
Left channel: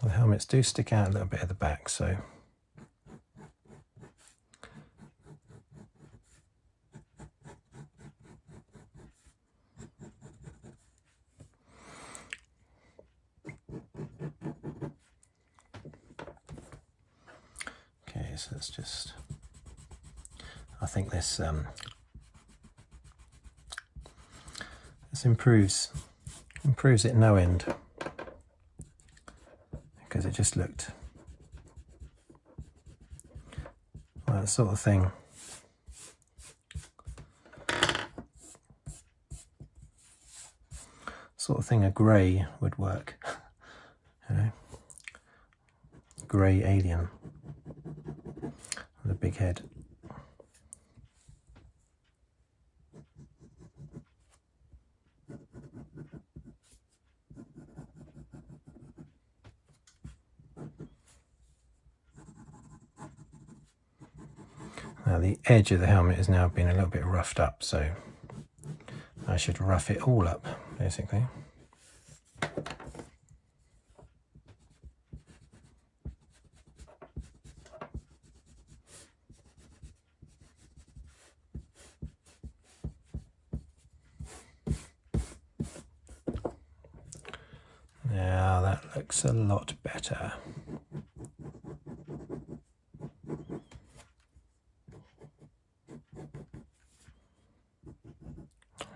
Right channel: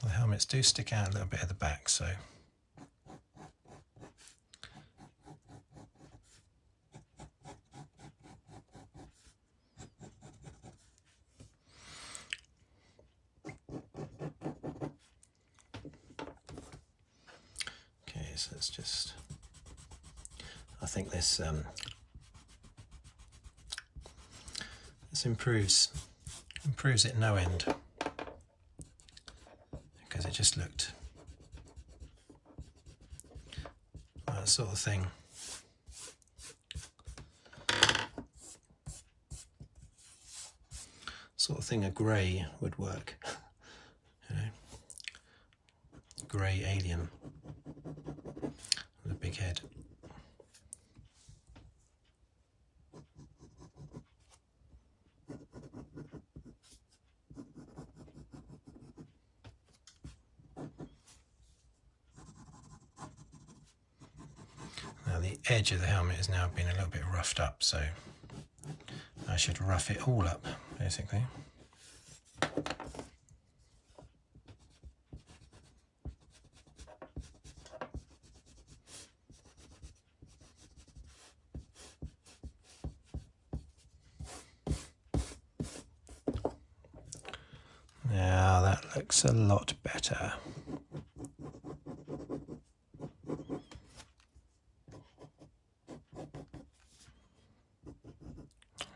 The helmets do stick out a little bit at the back, so okay, so let's just I think this improves it no end, because it just looked like that sort of thing. Sort of thing a grey would work, you know, grey alien with a big head. Now the edge of the helmet has now been a little bit roughed up, so I should rough it all up, basically. Now that looks a lot better.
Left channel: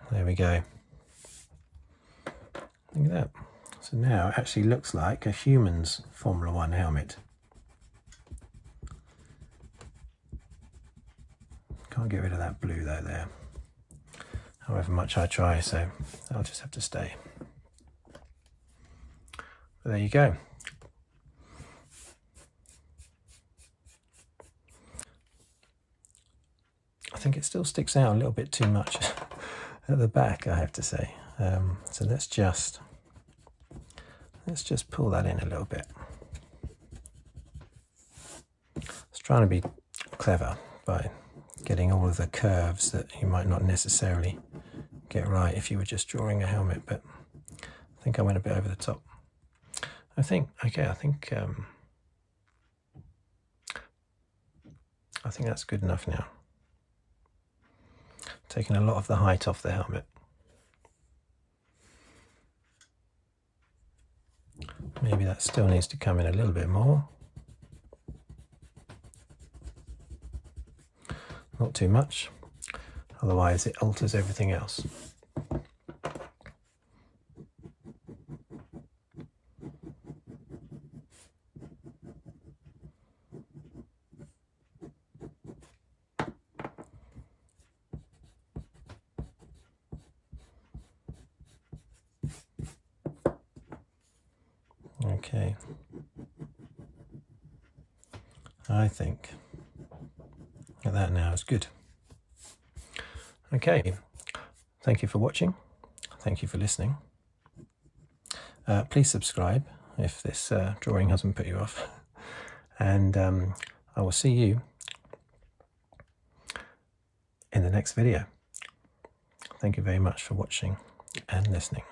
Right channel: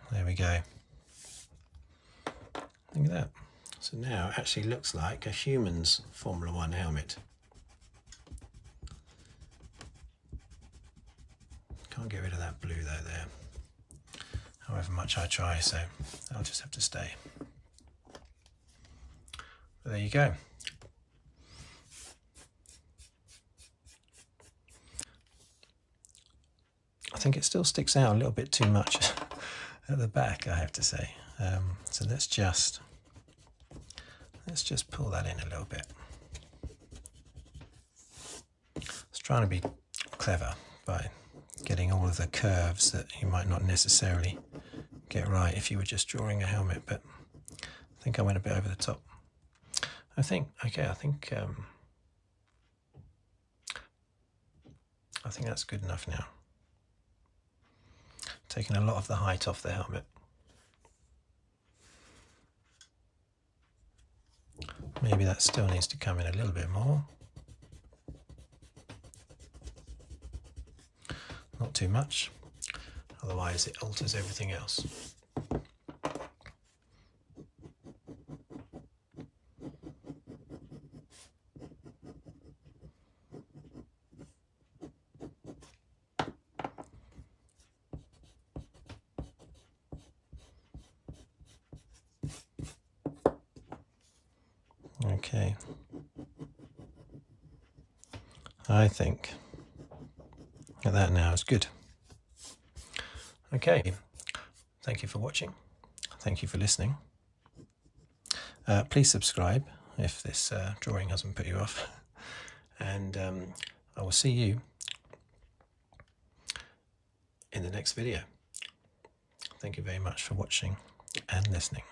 There we go. Look at that. So now it actually looks like a human's Formula One helmet. Can't get rid of that blue though there, however much I try, so I'll just have to stay. But there you go. I think it still sticks out a little bit too much at the back, I have to say. So let's just pull that in a little bit. I was trying to be clever by getting all of the curves that you might not necessarily get right if you were just drawing a helmet, but I think I went a bit over the top. I think that's good enough now. Taking a lot of the height off the helmet. Maybe that still needs to come in a little bit more. Not too much, otherwise it alters everything else. Okay, I think that now is good. Okay, thank you for watching. Thank you for listening. Please subscribe if this drawing hasn't put you off. And I will see you in the next video. Thank you very much for watching and listening.